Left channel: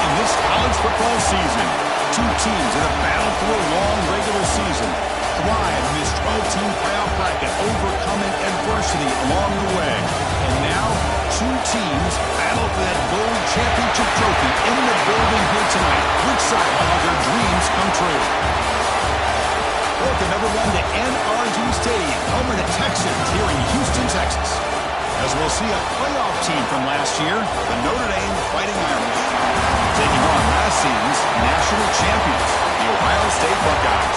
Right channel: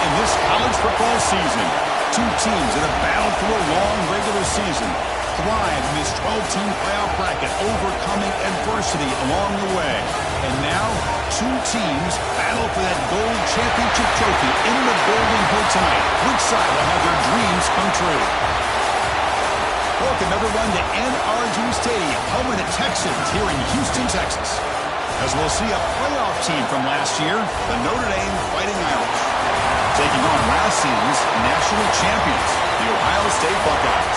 in this college football season. Two teams that have battled through a long regular season, thrive in this 12-team playoff bracket, overcoming adversity along the way. And now, two teams battle for that gold championship trophy in the building here tonight. Which side will have their dreams come true? Welcome, everyone, to NRG Stadium, home of the Texans here in Houston, Texas. As we'll see a playoff team from last year, the Notre Dame Fighting Irish, taking on last season's national champions, the Ohio State Buckeyes.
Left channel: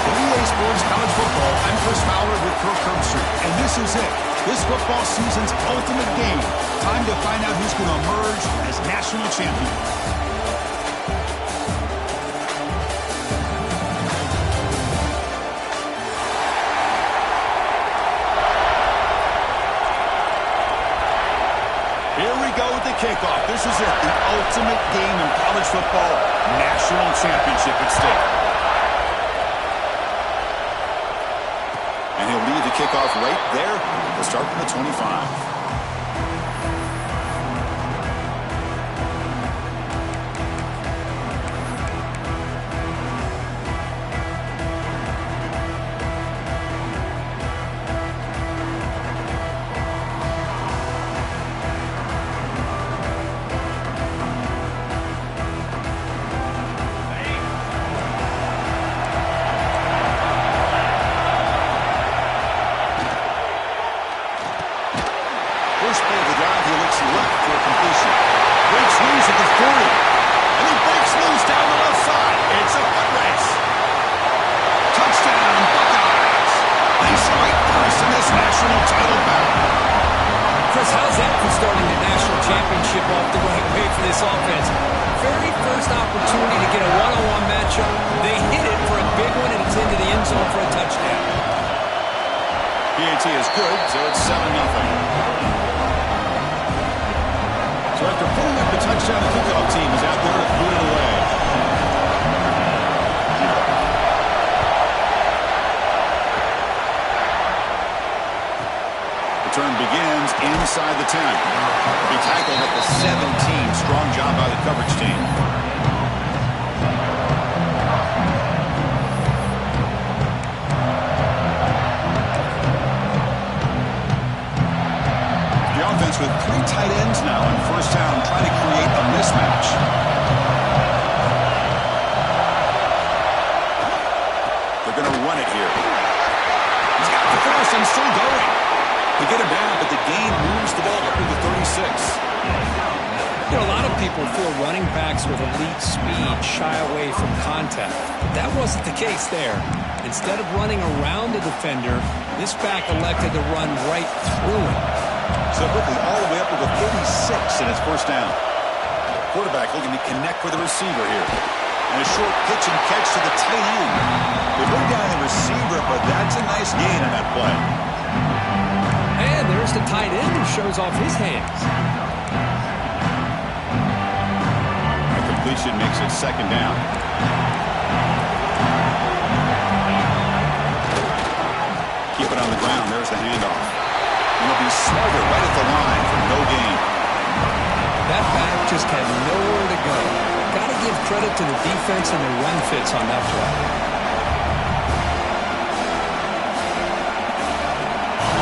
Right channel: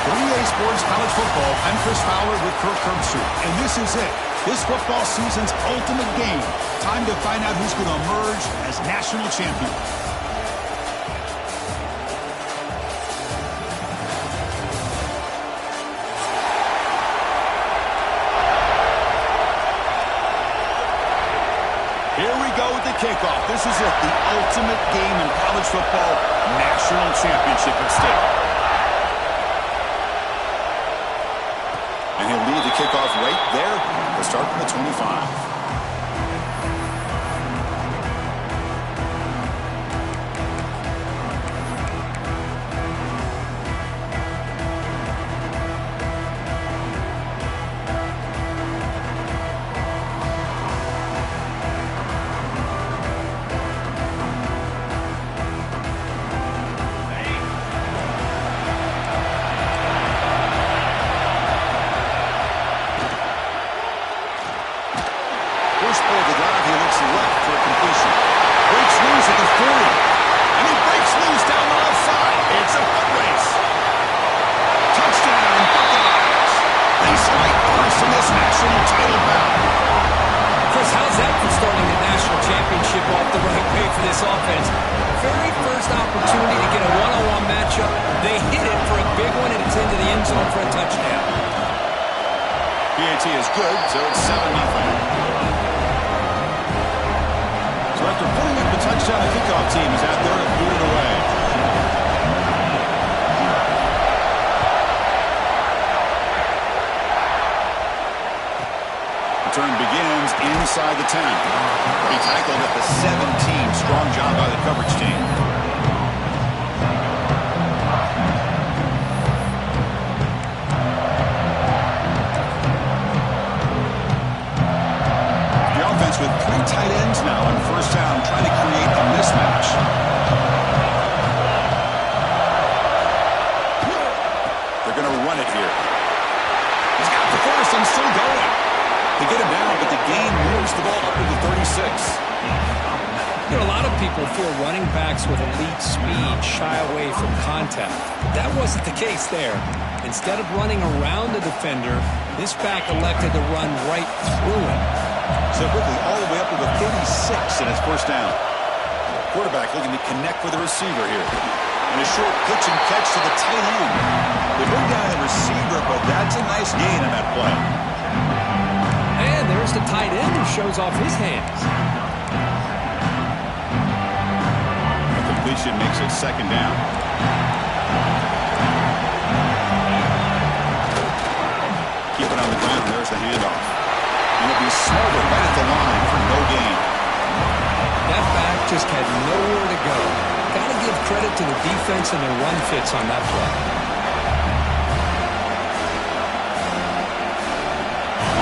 For EA Sports College Football, I'm Chris Fowler with Kirk Herbstreit, and this is it. This football season's ultimate game. Time to find out who's going to emerge as national champion. Here we go with the kickoff. This is it, the ultimate game in college football, national championship at stake. And he'll lead the kickoff right there. He'll start from the 25. First play of the drive, he looks left for a completion. Breaks loose at the 40. And he breaks loose down the left side. It's a foot race. Touchdown, Buckeyes. They strike first in this national title bout. Chris, how's that for starting the national championship off the right way for this offense? Very first opportunity to get a one-on-one matchup. They hit it for a big one, and it's into the end zone for a touchdown. PAT is good, so it's 7-0. So after pulling up the touchdown, the kickoff team is out there to boot it away. Return begins inside the 10. He tackled at the 17. Strong job by the coverage team. With three tight ends now on first down, trying to create a mismatch. They're going to run it here. He's got the first and still going. They get him down, but the gain moves the ball up to the 36. You know, a lot of people feel running backs with elite speed shy away from contact. That wasn't the case there. Instead of running around the defender, this back elected to run right through him. So quickly, all the way up to the 36 in his first down. Quarterback looking to connect with the receiver here. And a short pitch and catch to the tight end. They bring down the receiver, but that's a nice gain on that play. And there's the tight end who shows off his hands. A completion makes it second down. Keep it on the ground. There's the handoff. And he'll be smarter right at the line for no gain. That back just had nowhere to go. Got to give credit to the defense and their run fits on that play.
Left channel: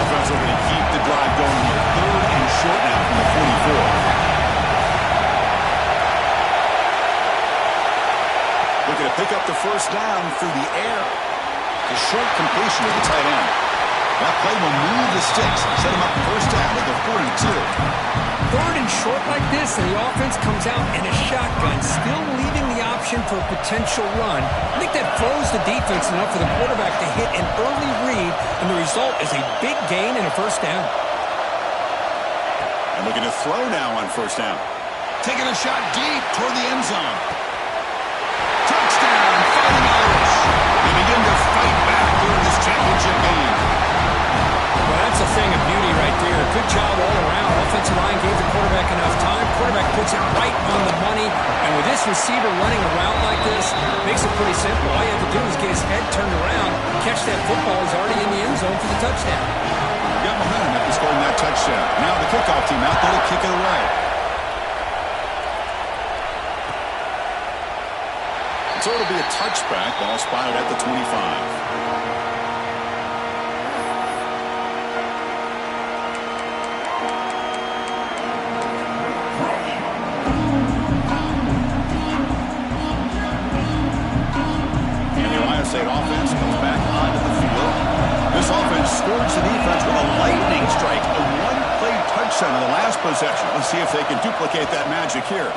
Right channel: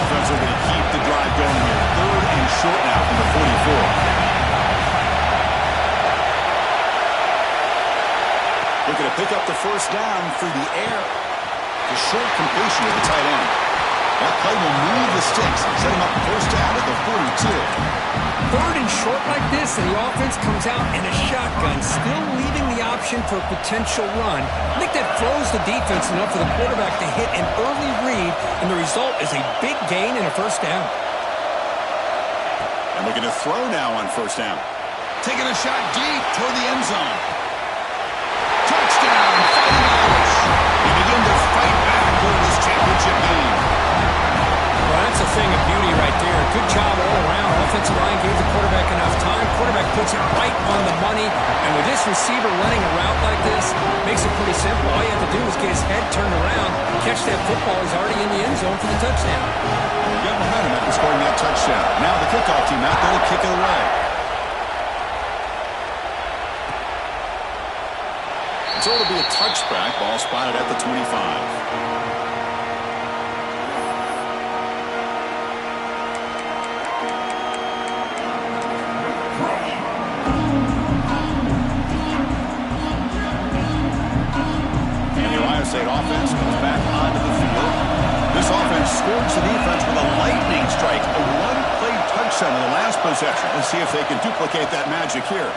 Offense are going to keep the drive going here. Third and short now from the 44. Looking to pick up the first down through the air. The short completion to the tight end. That play will move the sticks and set him up first down at the 42. Third and short like this, and the offense comes out in a shotgun, still leaving the option for a potential run. I think that throws the defense enough for the quarterback to hit an early read, and the result is a big gain and a first down. And looking to throw now on first down. Taking a shot deep toward the end zone. Touchdown, Fighting Irish. They begin to fight back here in this championship game. Well, that's a thing of beauty right there. Good job all around. Offensive line gave the quarterback enough time. Quarterback puts it right on the money. And with this receiver running a route like this, makes it pretty simple. All you have to do is get his head turned around, catch that football. He's already in the end zone for the touchdown. Got momentum after scoring that touchdown. Now the kickoff team out there to kick it away. So it'll be a touchback. Ball spotted at the 25. State offense comes back onto the field. This offense scorched the defense with a lightning strike, a one-play touchdown in the last possession. Let's see if they can duplicate that magic here.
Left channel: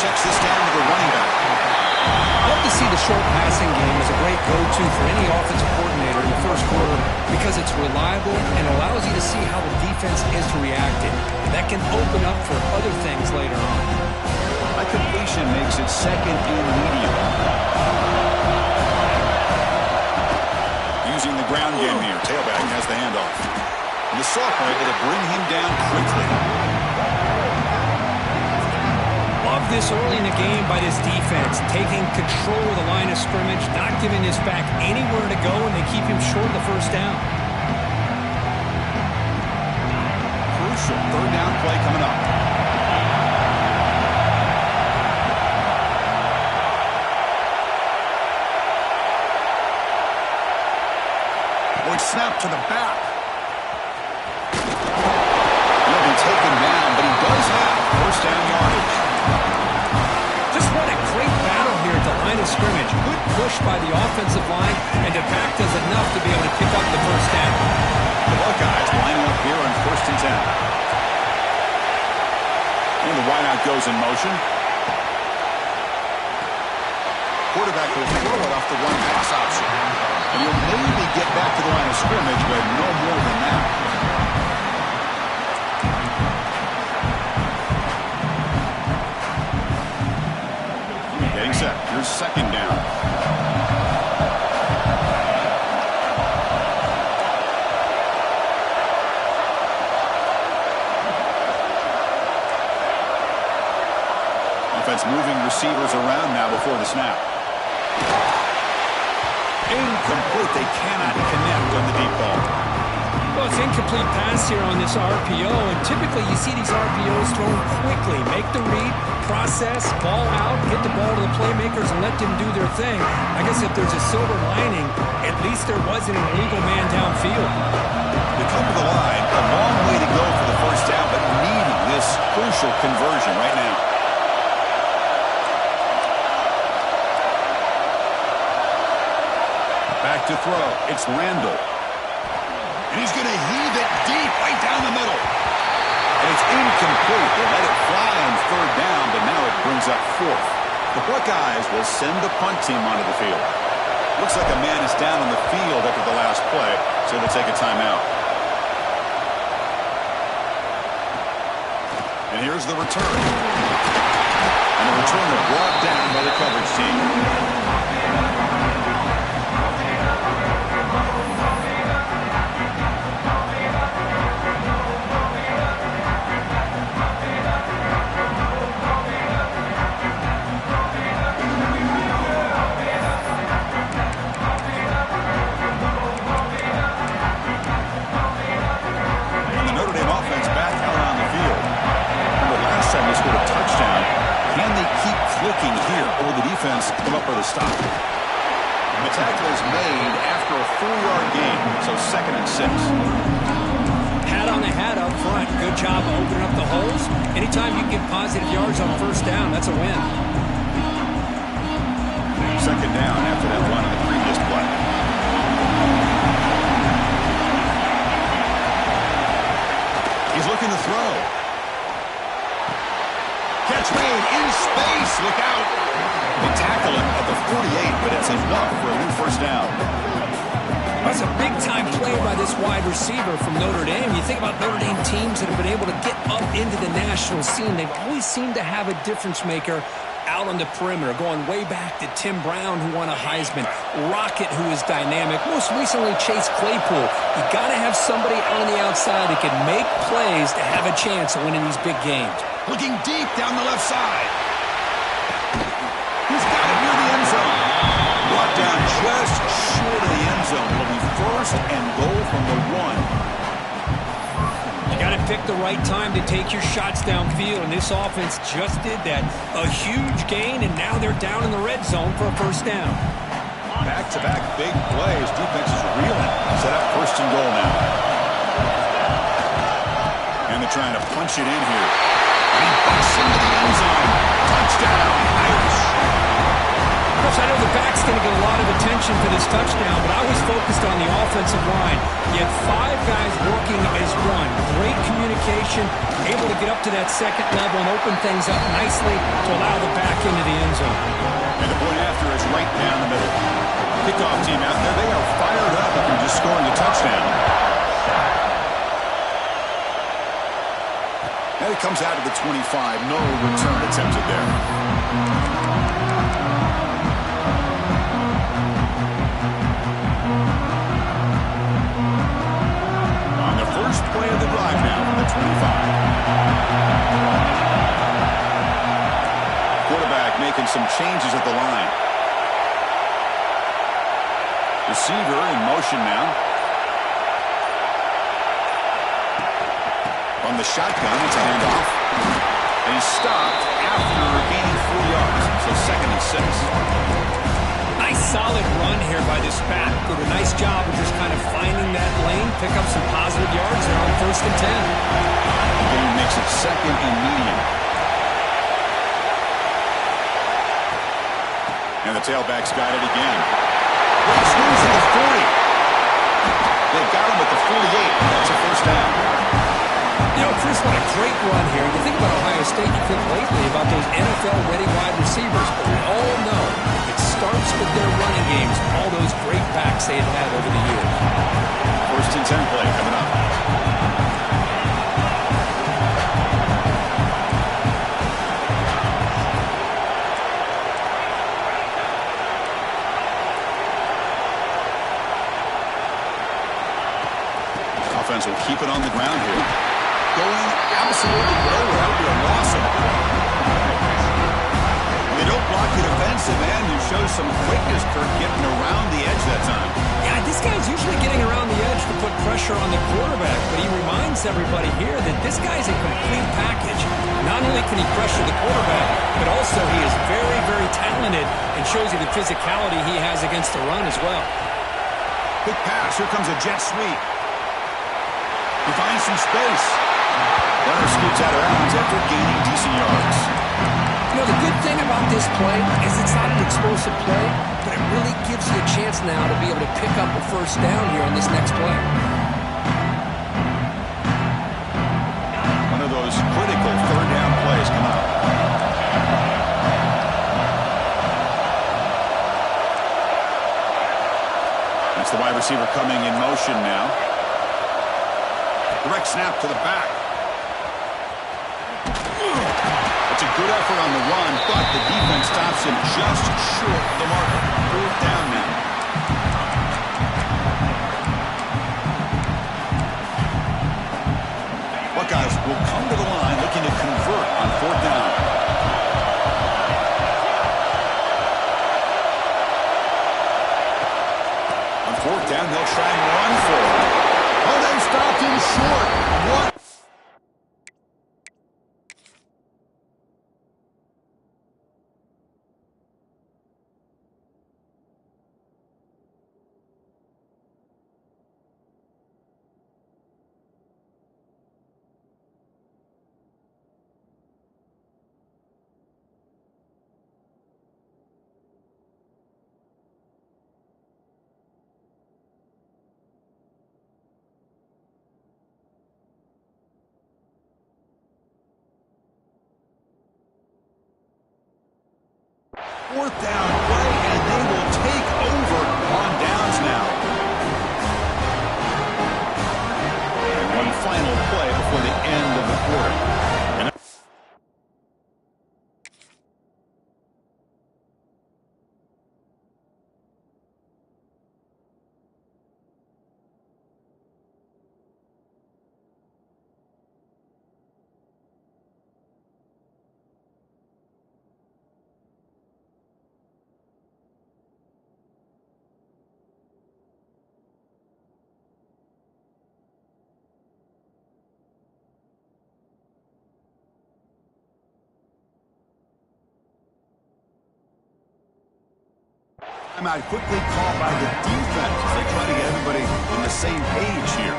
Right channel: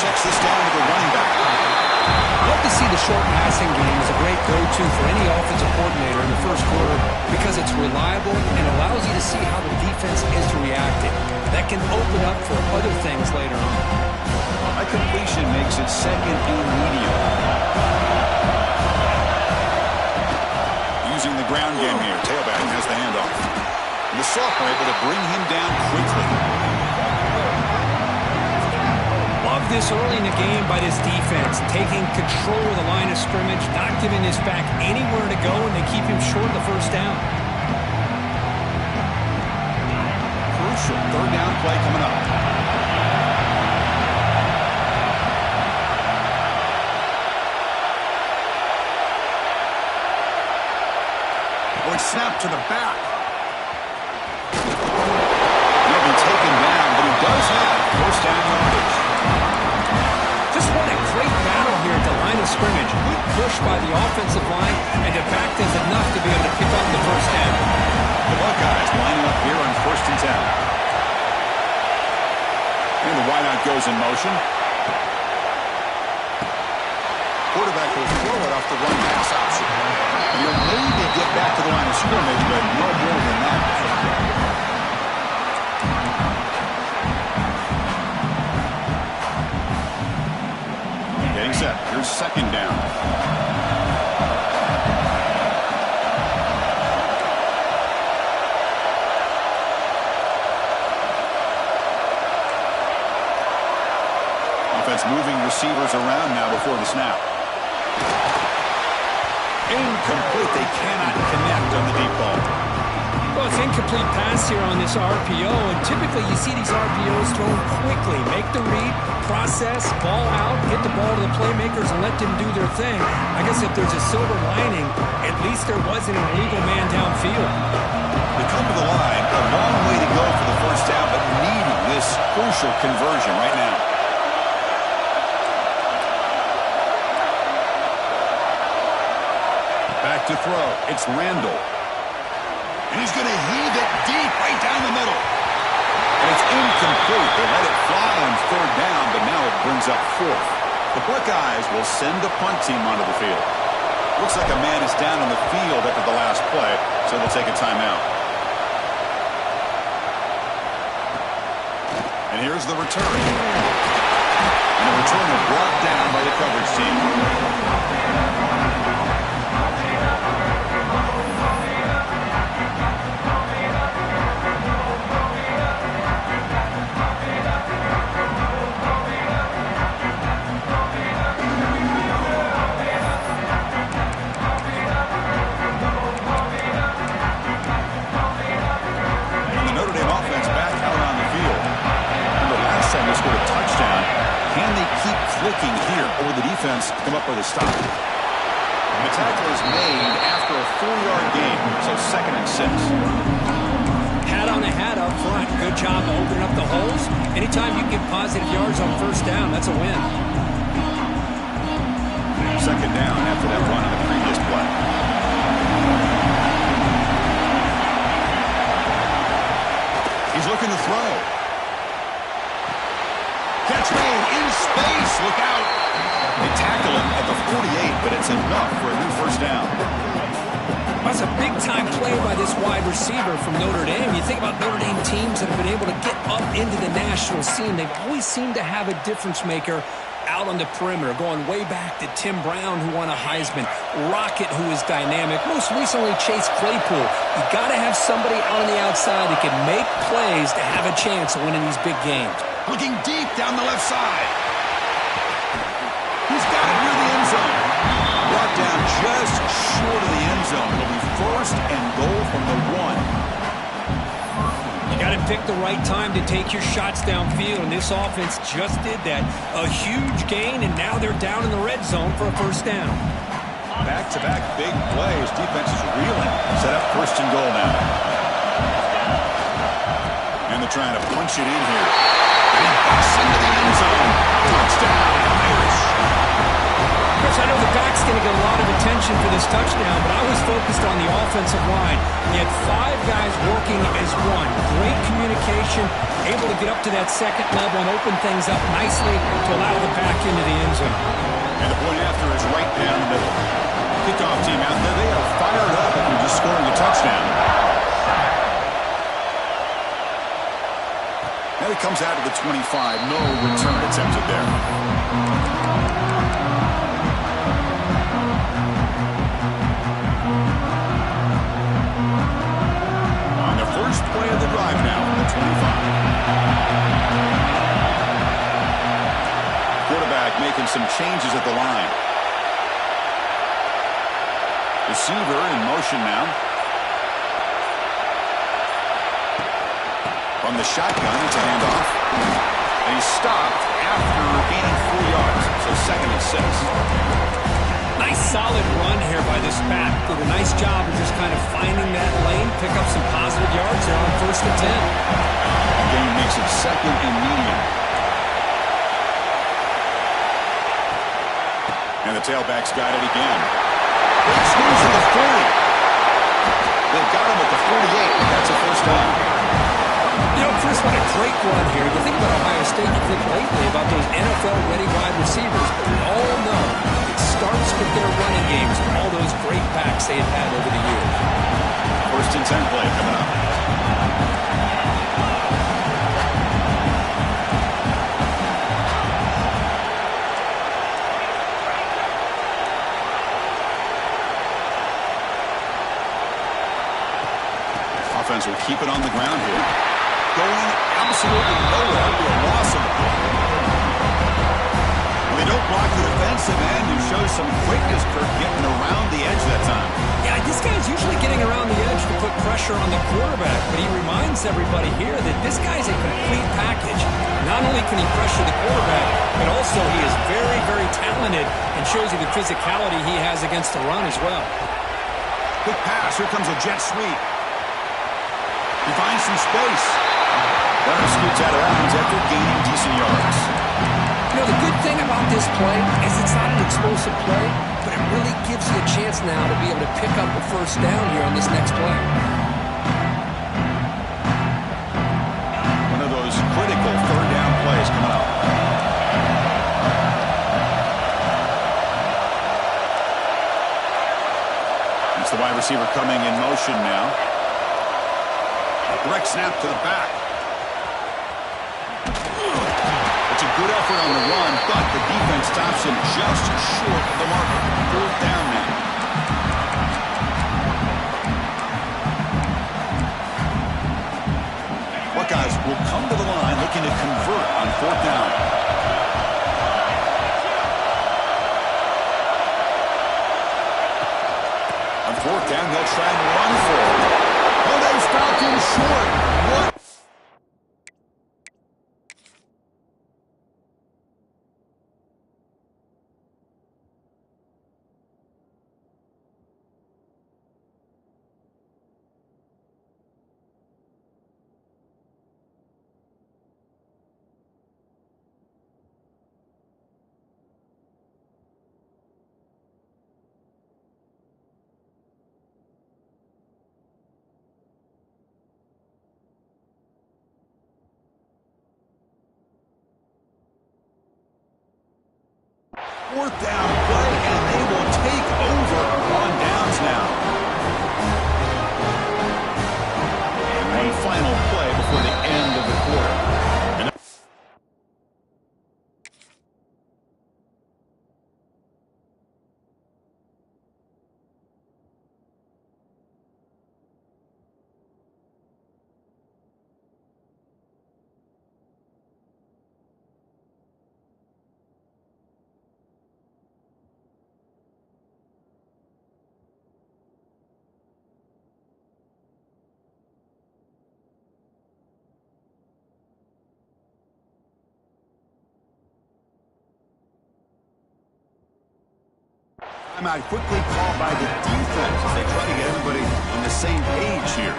Checks this down to the running back. I love to see the short passing game as a great go-to for any offensive coordinator in the first quarter because it's reliable and allows you to see how the defense is reacting. That can open up for other things later on. A completion makes it second and medium. Using the ground game here. Tailback has the handoff. And the sophomore able to bring him down quickly. Love this early in the game by this defense. Taking control of the line of scrimmage, not giving this back anywhere to go, and they keep him short of the first down. Crucial third down play coming up. Snap to the back. He'll be taken down, but he does have first down yardage. Just what a great battle here at the line of scrimmage. Good push by the offensive line, and the back does enough to be able to pick up the first down. The Buckeyes lining up here on 1st and 10. And the wideout goes in motion. Quarterback will throw it off the one pass option. And he'll maybe get back to the line of scrimmage, but no more than that. Getting set. Here's second down. Offense moving receivers around now before the snap. Incomplete. They cannot connect on the deep ball. Well, it's incomplete pass here on this RPO, and typically you see these RPOs thrown quickly. Make the read, process, ball out, get the ball to the playmakers, and let them do their thing. I guess if there's a silver lining, at least there wasn't an illegal man downfield. They come to the line, a long way to go for the first down, but needing this crucial conversion right now. Back to throw. It's Randall. And he's going to heave it deep right down the middle. And it's incomplete. They let it fly on third down, but now it brings up fourth. The Buckeyes will send the punt team onto the field. Looks like a man is down on the field after the last play, so they'll take a timeout. And here's the return. And the returner brought down by the coverage team. They scored a touchdown. Can they keep clicking here, or will the defense come up with a stop? The tackle is made after a 4-yard gain, so 2nd and 6. Hat on a hat up front. Good job of opening up the holes. Anytime you can get positive yards on first down, that's a win. 2nd down after that run on the previous play. He's looking to throw. Catch made in space. Look out. They tackle him at the 48, but it's enough for a new first down. That's a big-time play by this wide receiver from Notre Dame. You think about Notre Dame teams that have been able to get up into the national scene. They've always seemed to have a difference maker out on the perimeter, going way back to Tim Brown, who won a Heisman, Rocket, who is dynamic, most recently Chase Claypool. You got to have somebody out on the outside that can make plays to have a chance of winning these big games. Looking deep down the left side. He's got it near the end zone. Brought down just short of the end zone. It'll be 1st and goal from the 1. You got to pick the right time to take your shots downfield, and this offense just did that. A huge gain, and now they're down in the red zone for a first down. Back-to-back big plays. Defense is reeling. Set up first and goal now. And they're trying to punch it in here. And he busts into the end zone. Touchdown, Irish. Chris, I know the back's going to get a lot of attention for this touchdown, but I was focused on the offensive line. You had 5 guys working as one. Great communication, able to get up to that second level and open things up nicely to allow the back into the end zone. And the point after is right down the middle. Kickoff team out there, they are fired up after just scoring a touchdown. And it comes out of the 25. No return attempted there. First play of the drive now from the 25. Quarterback making some changes at the line. Receiver in motion now. From the shotgun, it's a handoff. And he's stopped after gaining 4 yards. So 2nd and 6. Nice solid run here by this back. Did a nice job of just kind of finding that lane, pick up some positive yards there on 1st and 10. The game makes it 2nd and medium. And the tailback's got it again. Great screws at the 40. They've got him at the 48. That's a first down. You know, Chris, what a great run here. You think about Ohio State, you think lately about those NFL-ready wide receivers, but we all know it starts with their running games, all those great backs they have had over the years. 1st and 10 play coming up. Offense will keep it on the ground here. Going absolutely nowhere. That would be a loss of the play. Well, they don't block the defensive end, who shows some quickness, Kirk, getting around the edge that time. Yeah, this guy's usually getting around the edge to put pressure on the quarterback, but he reminds everybody here that this guy's a complete package. Not only can he pressure the quarterback, but also he is very, very talented and shows you the physicality he has against the run as well. Quick pass. Here comes a jet sweep. He finds some space. Runner scoots out of bounds after gaining decent yards. You know, the good thing about this play is it's not an explosive play, but it really gives you a chance now to be able to pick up a first down here on this next play. One of those critical 3rd down plays coming up. It's the wide receiver coming in motion now. Direct snap to the back. It's a good effort on the run, but the defense stops him just short of the marker. 4th down now. Buckeyes will come to the line looking to convert on 4th down. On 4th down, they'll try and run for it. Oh, they stopped him short. What? Fourth down play, and they will take over on downs now. And one final play before the end of the quarter. And Timeout quickly called by the defense as they try to get everybody on the same page here.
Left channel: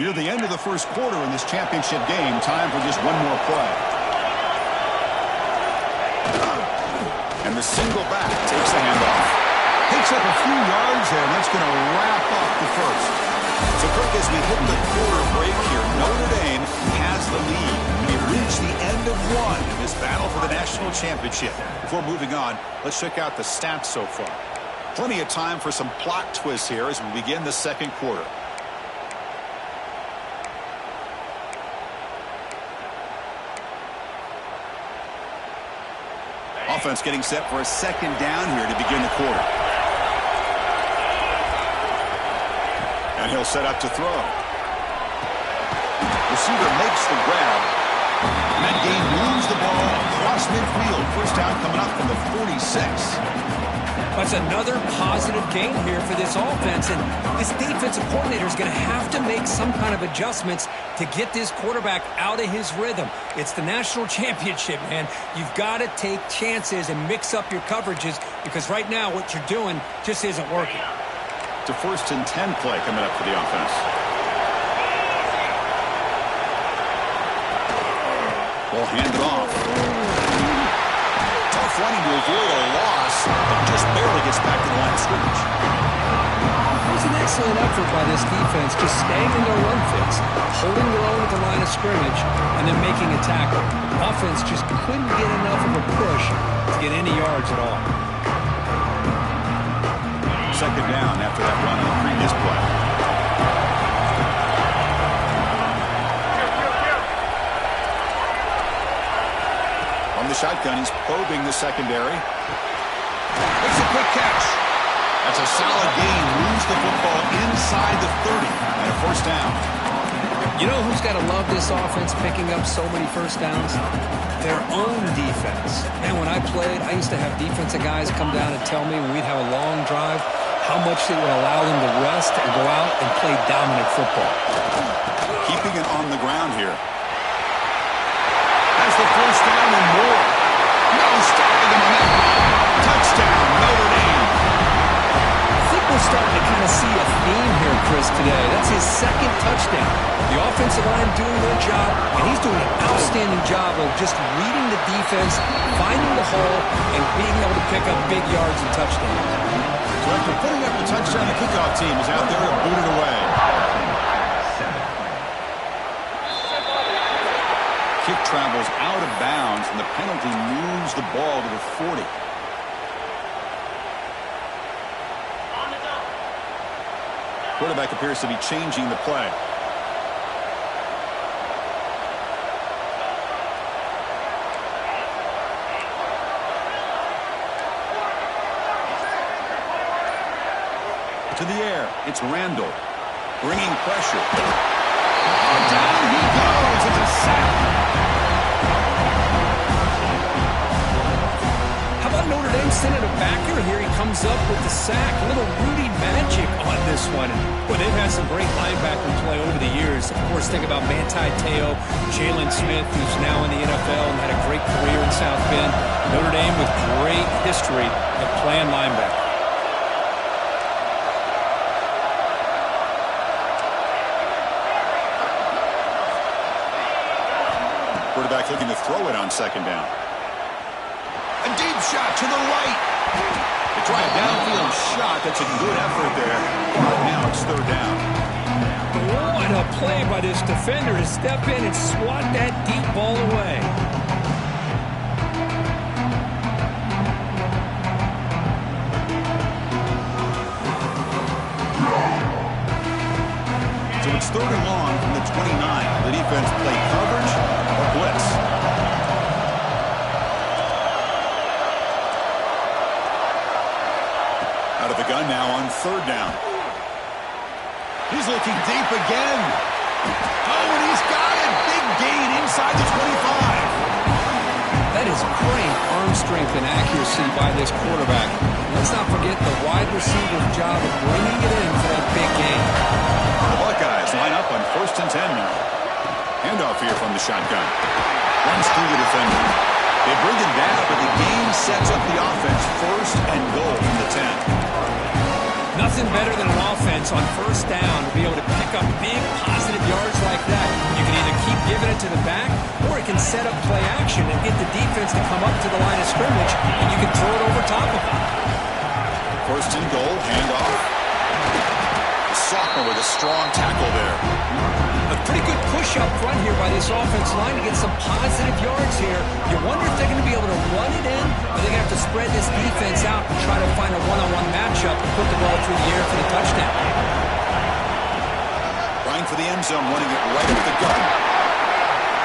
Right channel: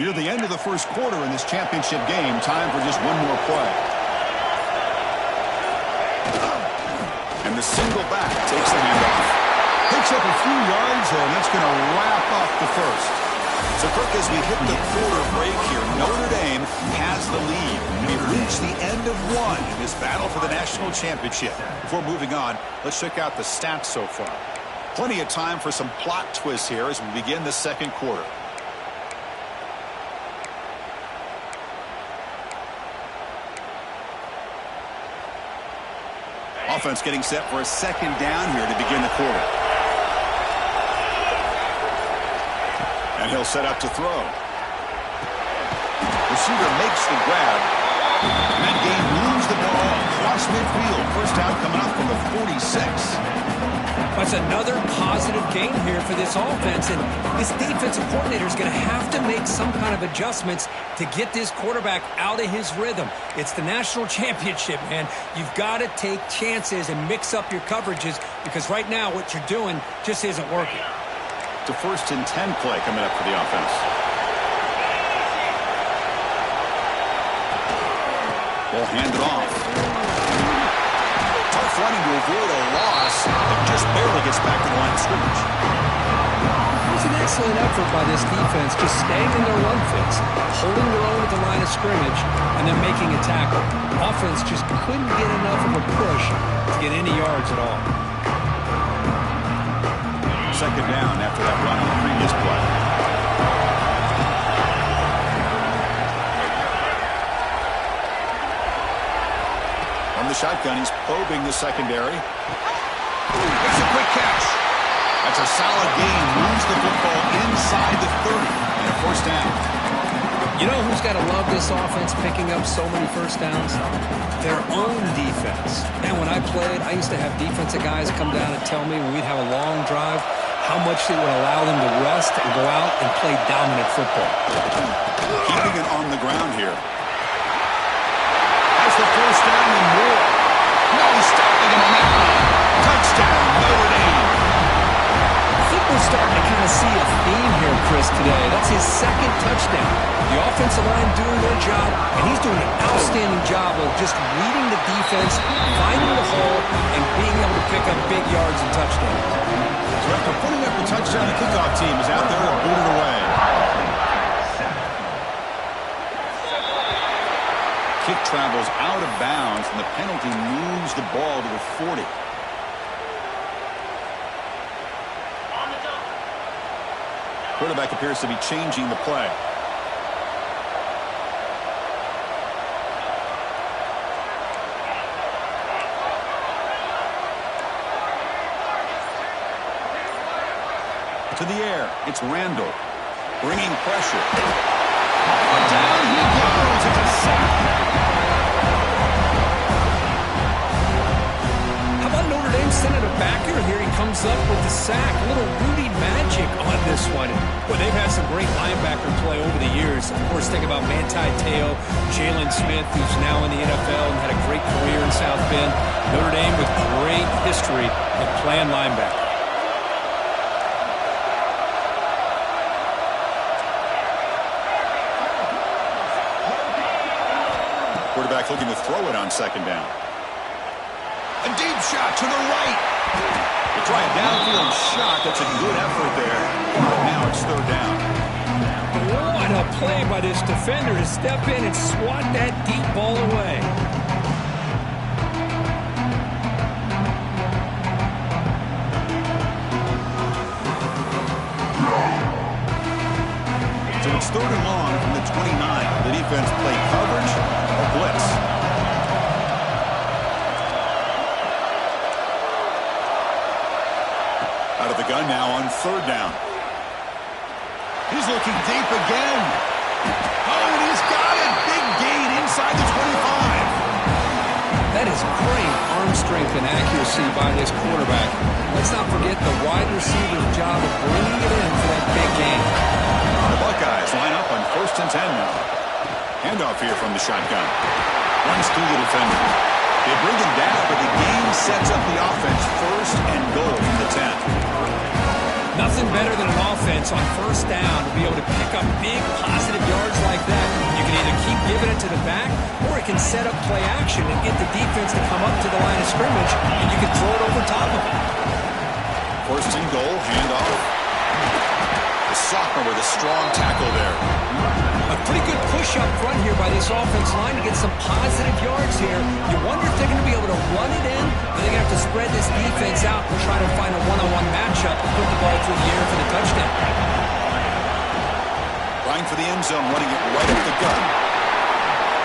Near the end of the first quarter in this championship game, time for just one more play. And the single back takes the handoff. Picks up a few yards there, and that's going to wrap up the first. So, Kirk, as we hit the quarter break here, Notre Dame has the lead. We've reached the end of one in this battle for the national championship. Before moving on, let's check out the stats so far. Plenty of time for some plot twists here as we begin the second quarter. Offense getting set for a second down here to begin the quarter. And he'll set up to throw. Receiver makes the grab. And that game moves the ball across midfield. First down coming up from the 46. That's another positive gain here for this offense, and this defensive coordinator is going to have to make some kind of adjustments to get this quarterback out of his rhythm. It's the national championship, man. You've got to take chances and mix up your coverages because right now what you're doing just isn't working. It's a 1st and 10 play coming up for the offense. Ball handed off. Running to avoid a loss, but just barely gets back to the line of scrimmage. It was an excellent effort by this defense, just staying in their run fits, holding their own at the line of scrimmage, and then making a tackle. Offense just couldn't get enough of a push to get any yards at all. Second down after that run on the previous play. From the shotgun, he's probing the secondary. Makes a quick catch. That's a solid gain. Moves the football inside the 30 and a first down. You know who's got to love this offense picking up so many first downs? Their own defense. Man, when I played, I used to have defensive guys come down and tell me when we'd have a long drive how much it would allow them to rest and go out and play dominant football. Keeping it on the ground here. Has the first down and more. No stopping him on that run. Touchdown, Notre Dame. I think we're starting to kind of see a theme here, Chris, today. That's his second touchdown. The offensive line doing their job, and he's doing an outstanding job of just reading the defense, finding the hole, and being able to pick up big yards and touchdowns. So after putting up the touchdown, the kickoff team is out there to boot it away. Kick travels out of bounds, and the penalty moves the ball to the 40. Quarterback appears to be changing the play. To the air, it's Randall, bringing pressure. Down he goes. It's a sack. How about Notre Dame sending a backer here? He comes up with the sack. A little Rudy magic on this one. Boy, they've had some great linebacker play over the years. Of course, think about Manti Te'o, Jalen Smith, who's now in the NFL and had a great career in South Bend. Notre Dame with great history of playing linebacker. Quarterback looking to throw it on second down. A deep shot to the right. They try a downfield shot. That's a good effort there. But now it's third down. What a play by this defender to step in and swat that deep ball away. So it's third and long from the 29. The defense play coverage or blitz. Out of the gun now on third down. He's looking deep again. Oh, and he's got it. Big gain inside the 25. That is great arm strength and accuracy by this quarterback. Let's not forget the wide receiver's job of bringing it in for that big game. The Buckeyes line up on 1st and 10 now. Handoff here from the shotgun. Runs through the defender. They bring it down, but the game sets up the offense 1st and goal from the 10. Nothing better than an offense on 1st down to be able to pick up big positive yards like that. You can either keep giving it to the back, or it can set up play action and get the defense to come up to the line of scrimmage, and you can throw it over top of it. 1st and goal, handoff. The sophomore with a strong tackle there. A pretty good push up front here by this offense line to get some positive yards here. You wonder if they're going to be able to run it in, or they're going to have to spread this defense out and try to find a one-on-one matchup and put the ball through the air for the touchdown. Trying for the end zone, running it right up the gut.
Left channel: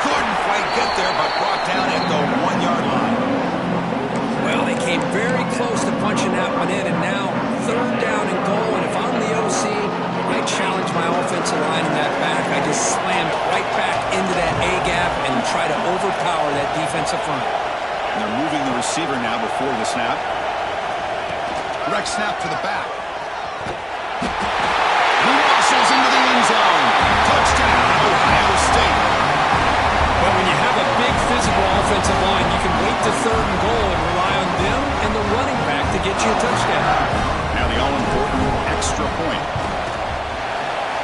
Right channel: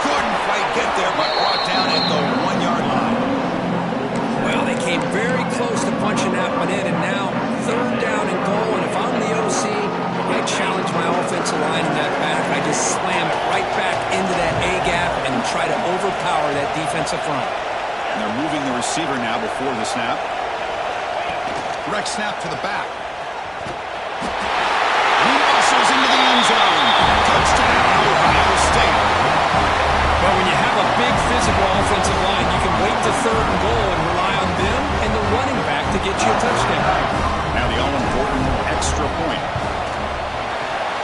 Couldn't quite get there, but brought down at the 1-yard line. Well, they came very close to punching that one in, and now 3rd down and goal, and if I'm the OC, I challenge my offensive line in that back. I just slam it right back into that A-gap and try to overpower that defensive front. And they're moving the receiver now before the snap. Direct snap to the back. He muscles into the end zone. Touchdown, Ohio State. But when you have a big physical offensive line, you can wait to 3rd and goal and rely on them and the running back to get you a touchdown. Now the all-important extra point.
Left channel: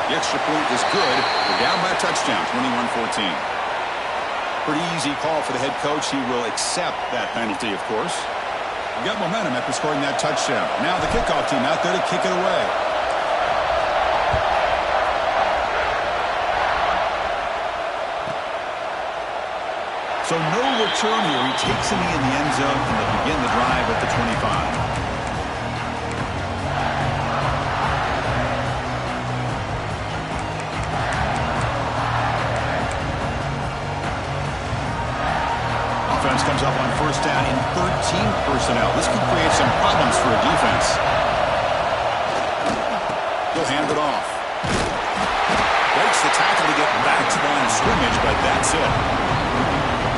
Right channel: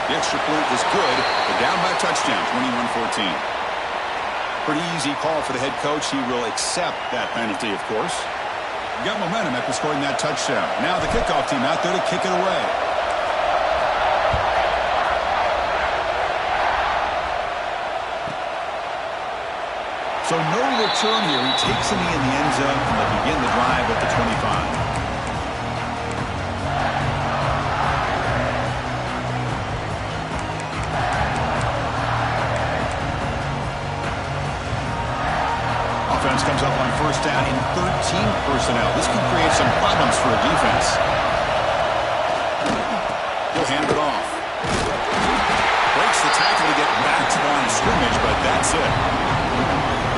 The extra point is good. They're down by a touchdown, 21-14. Pretty easy call for the head coach. He will accept that penalty, of course. You got momentum after scoring that touchdown. Now the kickoff team out there to kick it away. So no return here. He takes the knee in the end zone, and they'll begin the drive at the 25. Offense comes up on 1st down in 13 personnel. This could create some problems for a defense. He'll hand it off. Breaks the tackle to get back to the line of scrimmage, but that's it.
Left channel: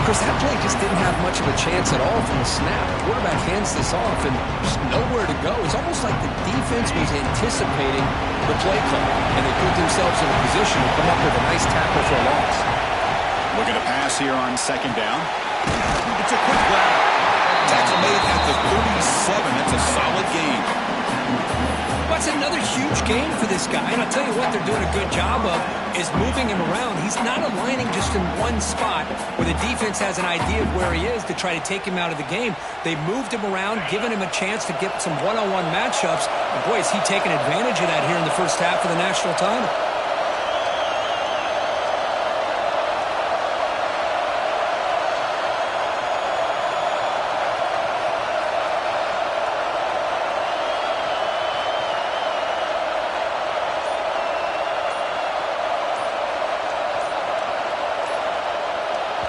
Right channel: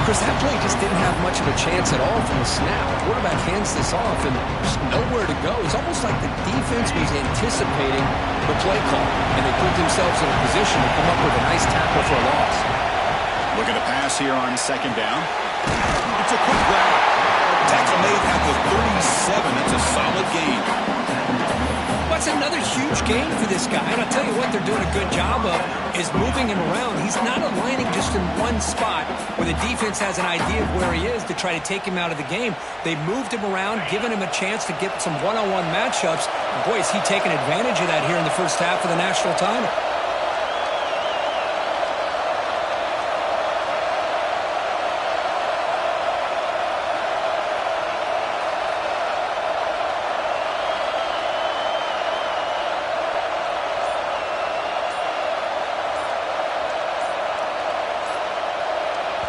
Chris, that play just didn't have much of a chance at all from the snap. The quarterback hands this off and just nowhere to go. It's almost like the defense was anticipating the play call, and they put themselves in a position to come up with a nice tackle for a loss. Look at a pass here on 2nd down. It's a quick grab. Tackle made at the 37. That's a solid gain. What's another huge gain for this guy? And I'll tell you what they're doing a good job of is moving him around. He's not aligning just in one spot where the defense has an idea of where he is to try to take him out of the game. They moved him around, giving him a chance to get some one-on-one matchups. And boy, is he taking advantage of that here in the first half of the national title.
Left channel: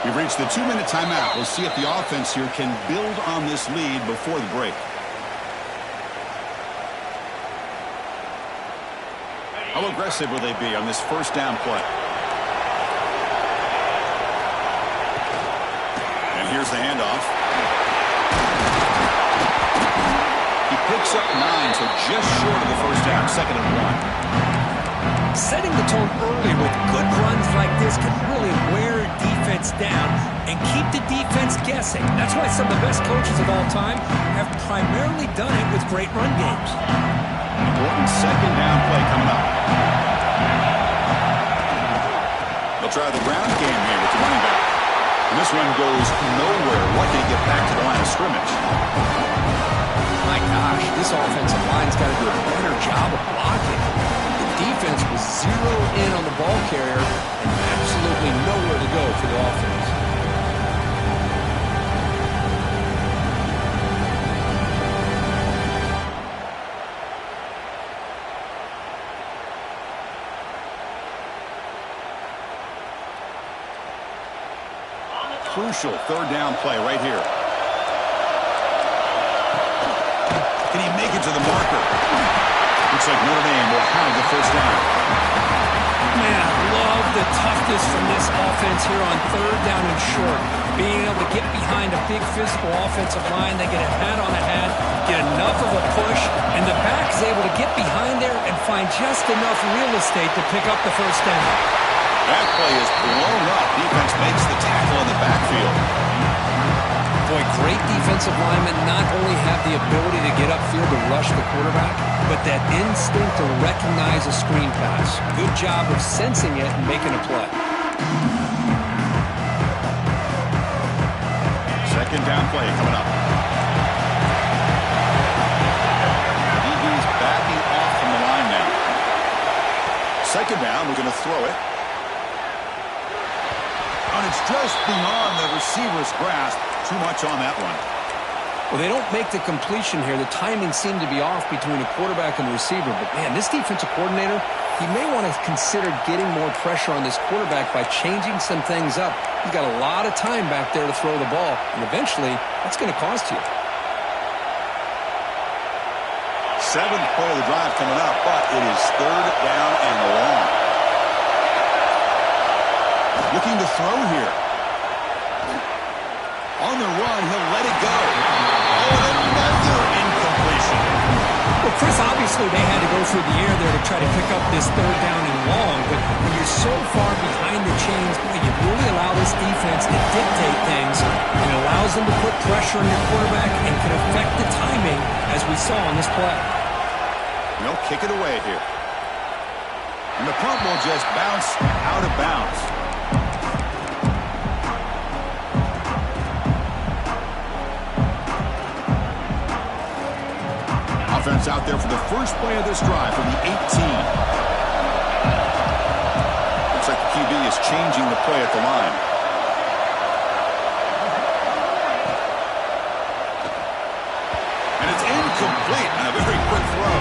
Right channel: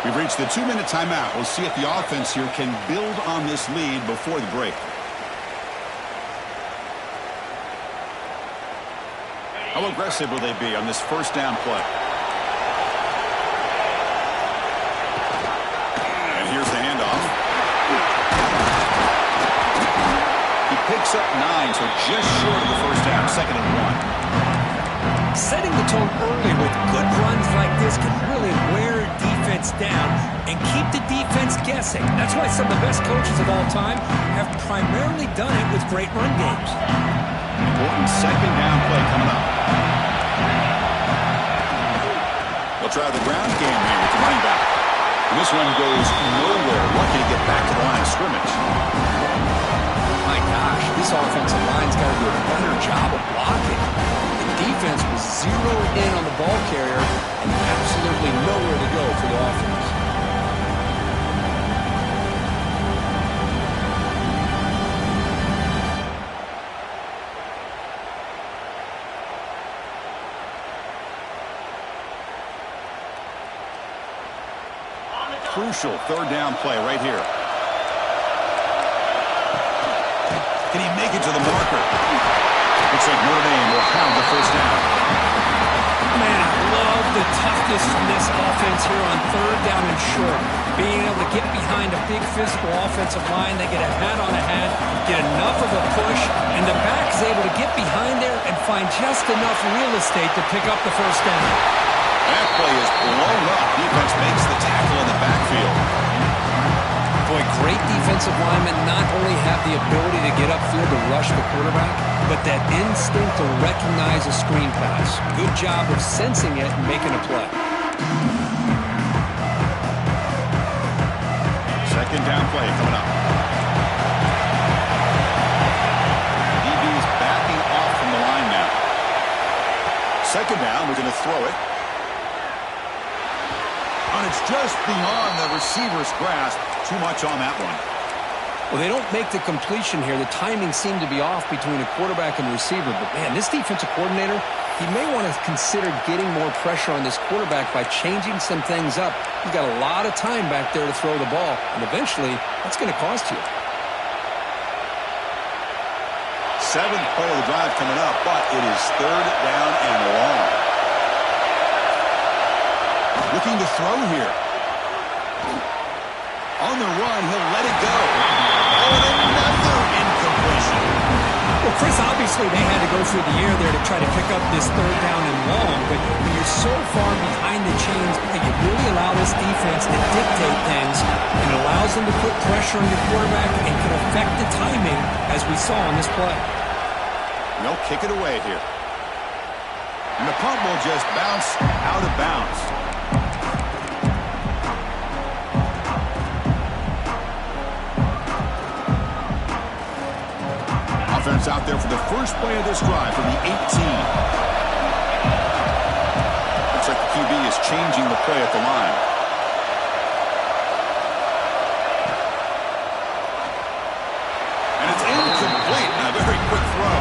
We've reached the 2-minute timeout. We'll see if the offense here can build on this lead before the break. How aggressive will they be on this 1st down play? And here's the handoff. He picks up 9, so just short of the 1st down, 2nd and 1. Setting the tone early with good runs like this can really wear defense down and keep the defense guessing. That's why some of the best coaches of all time have primarily done it with great run games. Important 2nd down play coming up. They'll try the ground game here with the running back. And this one goes nowhere. Lucky to get back to the line of scrimmage. My gosh, this offensive line's got to do a better job of blocking. Defense was zeroed in on the ball carrier and absolutely nowhere to go for the offense. Crucial 3rd down play right here. Can he make it to the marker? Looks like Notre Dame will have the 1st down. Man, I love the toughness from this offense here on third down and short. Being able to get behind a big physical offensive line, they get a hat on a hat, get enough of a push, and the back is able to get behind there and find just enough real estate to pick up the first down. That play is blown up. Defense makes the tackle in the backfield. Boy, great defensive linemen not only have the ability to get upfield to rush the quarterback, but that instinct to recognize a screen pass. Good job of sensing it and making a play. Second down play coming up. DB's backing off from the line now. Second down, we're going to throw it. And it's just beyond the receiver's grasp. Too much on that one. Well, they don't make the completion here. The timing seemed to be off between a quarterback and the receiver. But, man, this defensive coordinator, he may want to consider getting more pressure on this quarterback by changing some things up. He's got a lot of time back there to throw the ball, and eventually that's going to cost you. Seventh play of the drive coming up, but it is third down and long. Looking to throw here. On the run, he'll let it go. Oh, and another incompletion. Well, Chris, obviously they had to go through the air there to try to pick up this third down and long, but when you're so far behind the chains, boy, you really allow this defense to dictate things, and it allows them to put pressure on your quarterback and can affect the timing, as we saw on this play. They'll kick it away here. And the punt will just bounce out of bounds. Offense out there for the first play of this drive from the 18. Looks like the QB is changing the play at the line. And it's incomplete and a very quick throw.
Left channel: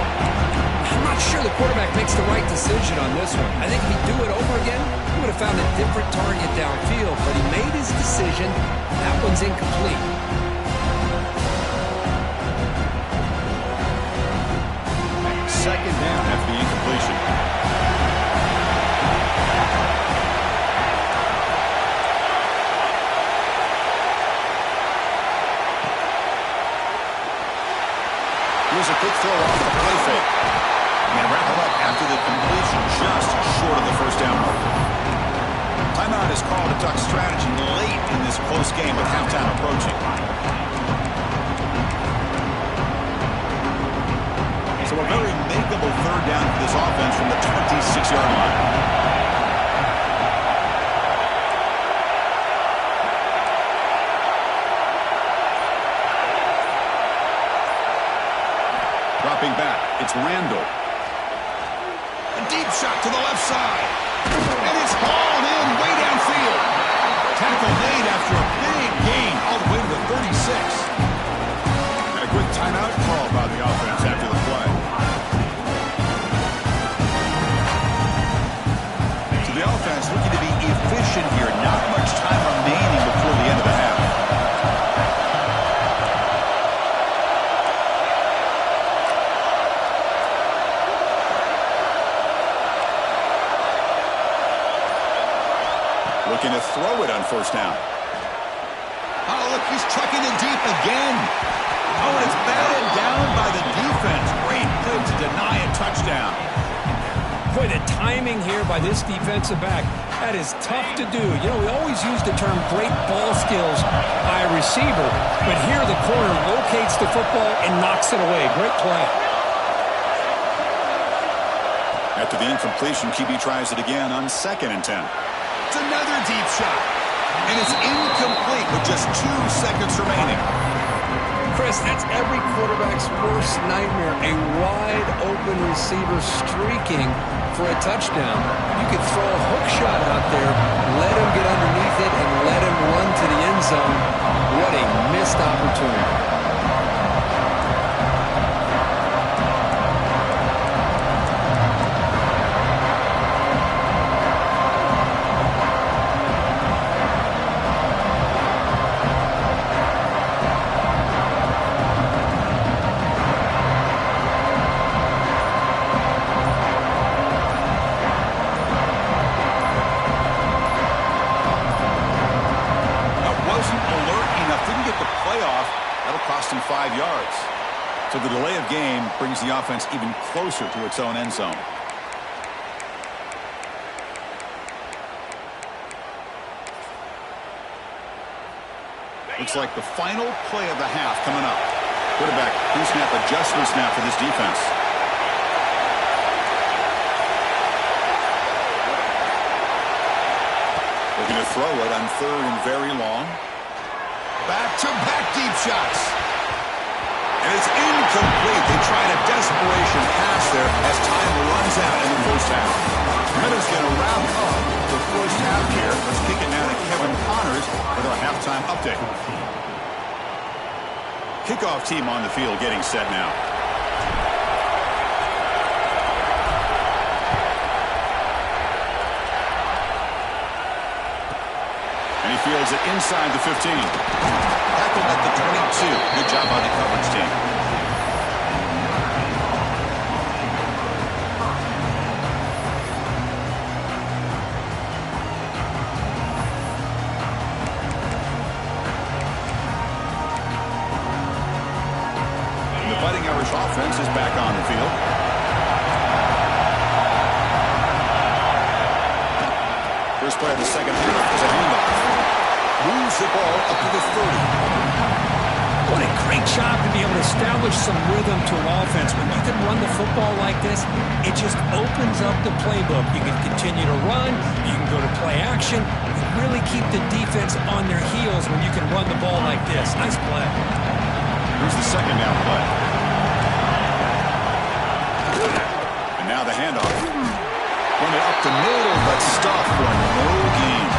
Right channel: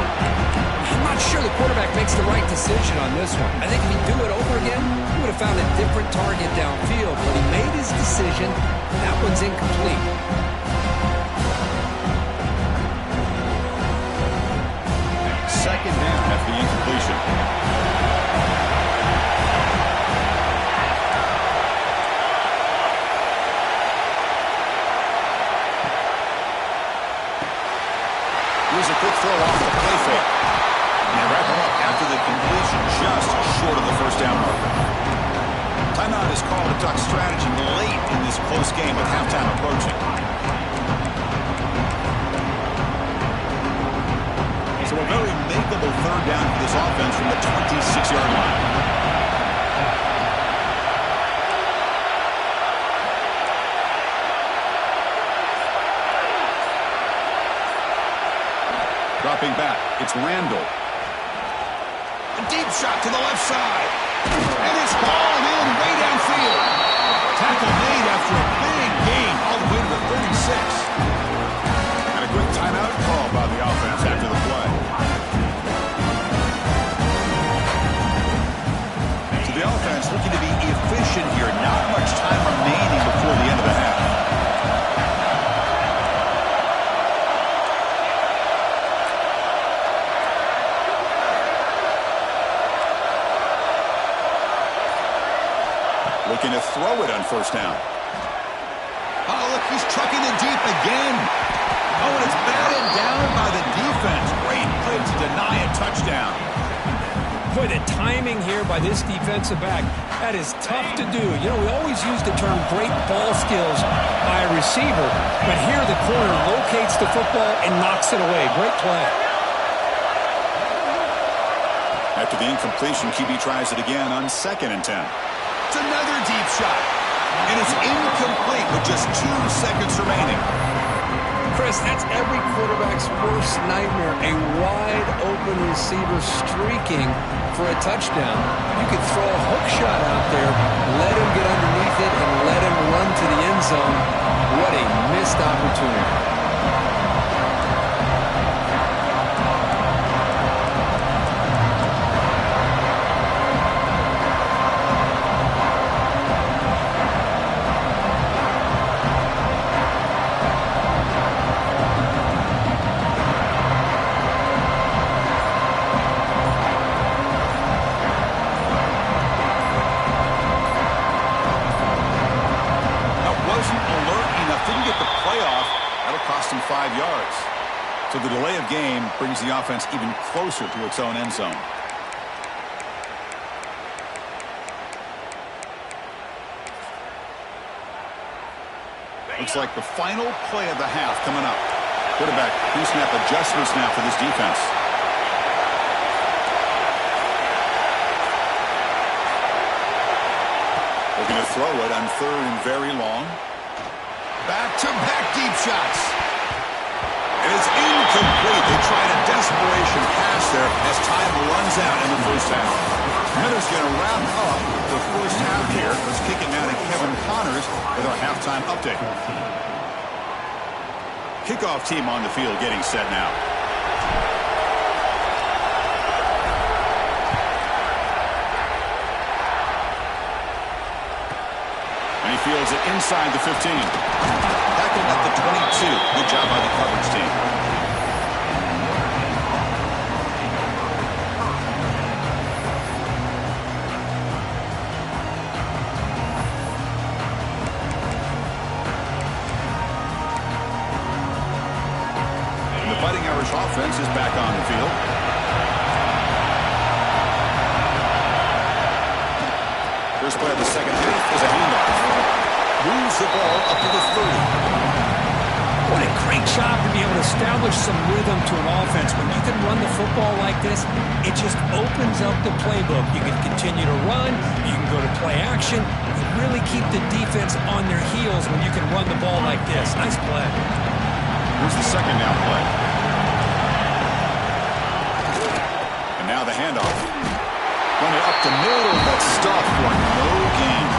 I'm not sure the quarterback makes the right decision on this one. I think if he'd do it over again, he would have found a different target downfield, but he made his decision. That one's incomplete. Second down after the incompletion. Here's a quick throw off the play fake. And they wrap him up after the completion, just short of the first down marker. Timeout is called to duck strategy late in this close game with halftime approaching. So a very makeable third down for this offense from the 26-yard line. Dropping back, it's Randall. A deep shot to the left side. And it's hauled in way downfield. Tackle made after a big gain all the way to the 36. A quick timeout call by the offense after the play. So the offense looking to be efficient here. Not much time remaining before the end of the half. Looking to throw it on first down. Oh, look, he's trucking it deep again. Oh, and it's batted down by the defense. Great play to deny a touchdown. Boy, the timing here by this defensive back, that is tough to do. You know, we always use the term great ball skills by a receiver, but here the corner locates the football and knocks it away. Great play. After the incompletion, QB tries it again on 2nd and 10. It's another deep shot, and it's incomplete with just 2 seconds remaining. Chris, that's every quarterback's worst nightmare, a wide-open receiver streaking for a touchdown. You could throw a hook shot out there, let him get underneath it, and let him run to the end zone. What a missed opportunity. That'll cost him 5 yards. So the delay of game brings the offense even closer to its own end zone. Looks like the final play of the half coming up. Quarterback pre-snap adjustments now for this defense. Looking to throw it on 3rd and very long. Back-to-back deep shots. And it's incomplete. They tried a desperation pass there as time runs out in the first half. Madden's going to wrap up the first half here. Let's kick it now to Kevin Connors with our halftime update. Kickoff team on the field getting set now. And he fields it inside the 15. Tackled at the 22. Good job by the coverage team. And the Fighting Irish offense is back on the field. First play of the second half is a handoff. Moves the ball up to the 30. What a great job to be able to establish some rhythm to an offense. When you can run the football like this, it just opens up the playbook. You can continue to run. You can go to play action. You really keep the defense on their heels when you can run the ball like this. Nice play. Here's the second down play. And now the handoff. Run it up the middle, but stuff for no gain.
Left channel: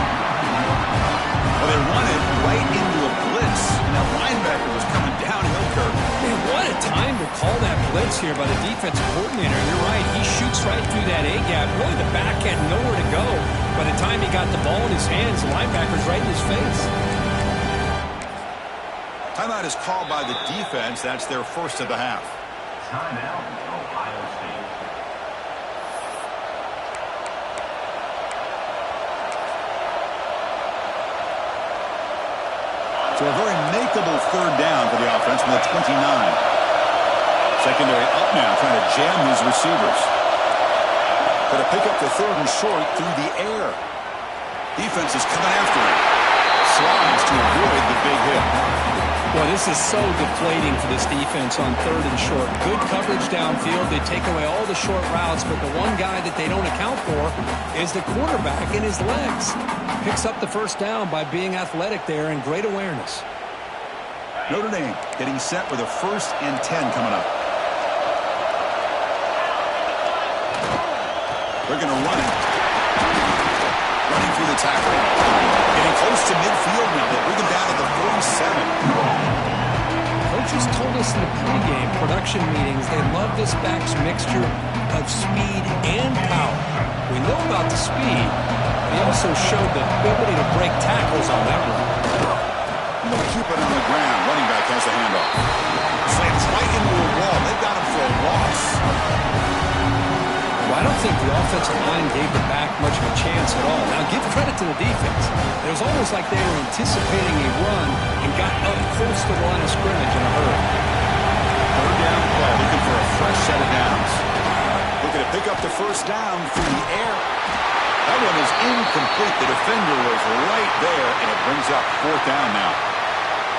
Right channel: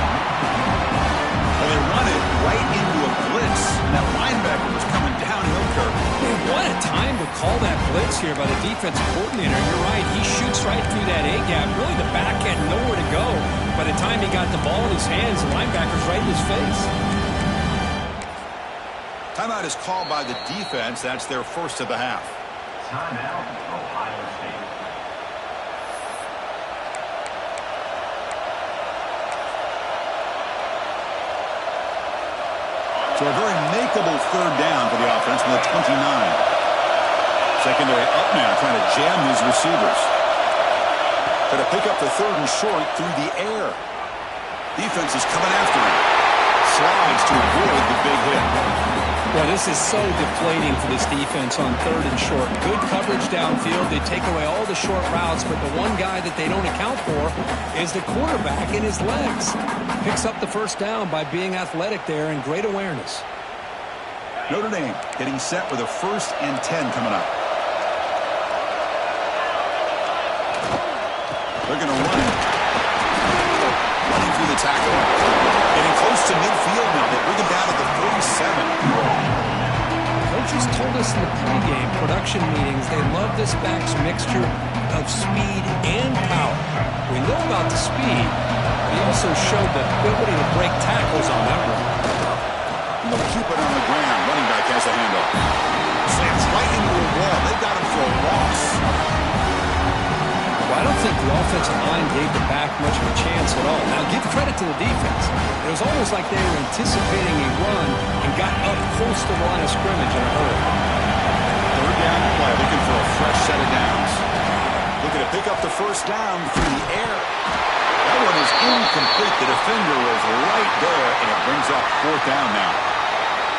Well, they run it right into a blitz, and that linebacker was coming downhill curve. Man, what a time to call that blitz here by the defensive coordinator. You're right, he shoots right through that A-gap. Really, the back had nowhere to go. By the time he got the ball in his hands, the linebacker's right in his face. Timeout is called by the defense. That's their first of the half. Timeout, Ohio State. So a very makeable third down for the offense from the 29. Secondary up now, trying to jam his receivers. Got to pick up the 3rd and short through the air. Defense is coming after him. Slides to avoid the big hit. Well, this is so deflating for this defense on 3rd and short. Good coverage downfield. They take away all the short routes, but the one guy that they don't account for is the quarterback and his legs. Picks up the first down by being athletic there and great awareness. Notre Dame getting set with a 1st and 10 coming up. They're going to run it. Running through the tackle. Getting close to midfield now. They bring him down at the 47. Coaches told us in the pregame production meetings they love this back's mixture of speed and power. We know about the speed. He also showed the ability to break tackles on that run. They'll keep it on the ground. Running back has the handoff. Slams right into a wall. They got him for a loss. Well, I don't think the offensive line gave the back much of a chance at all. Now, give credit to the defense. It was almost like they were anticipating a run and got up close to the line of scrimmage in a hurry. Third down play, looking for a fresh set of downs. Looking to pick up the first down through the air. That one is incomplete. The defender was right there, and it brings up 4th down now.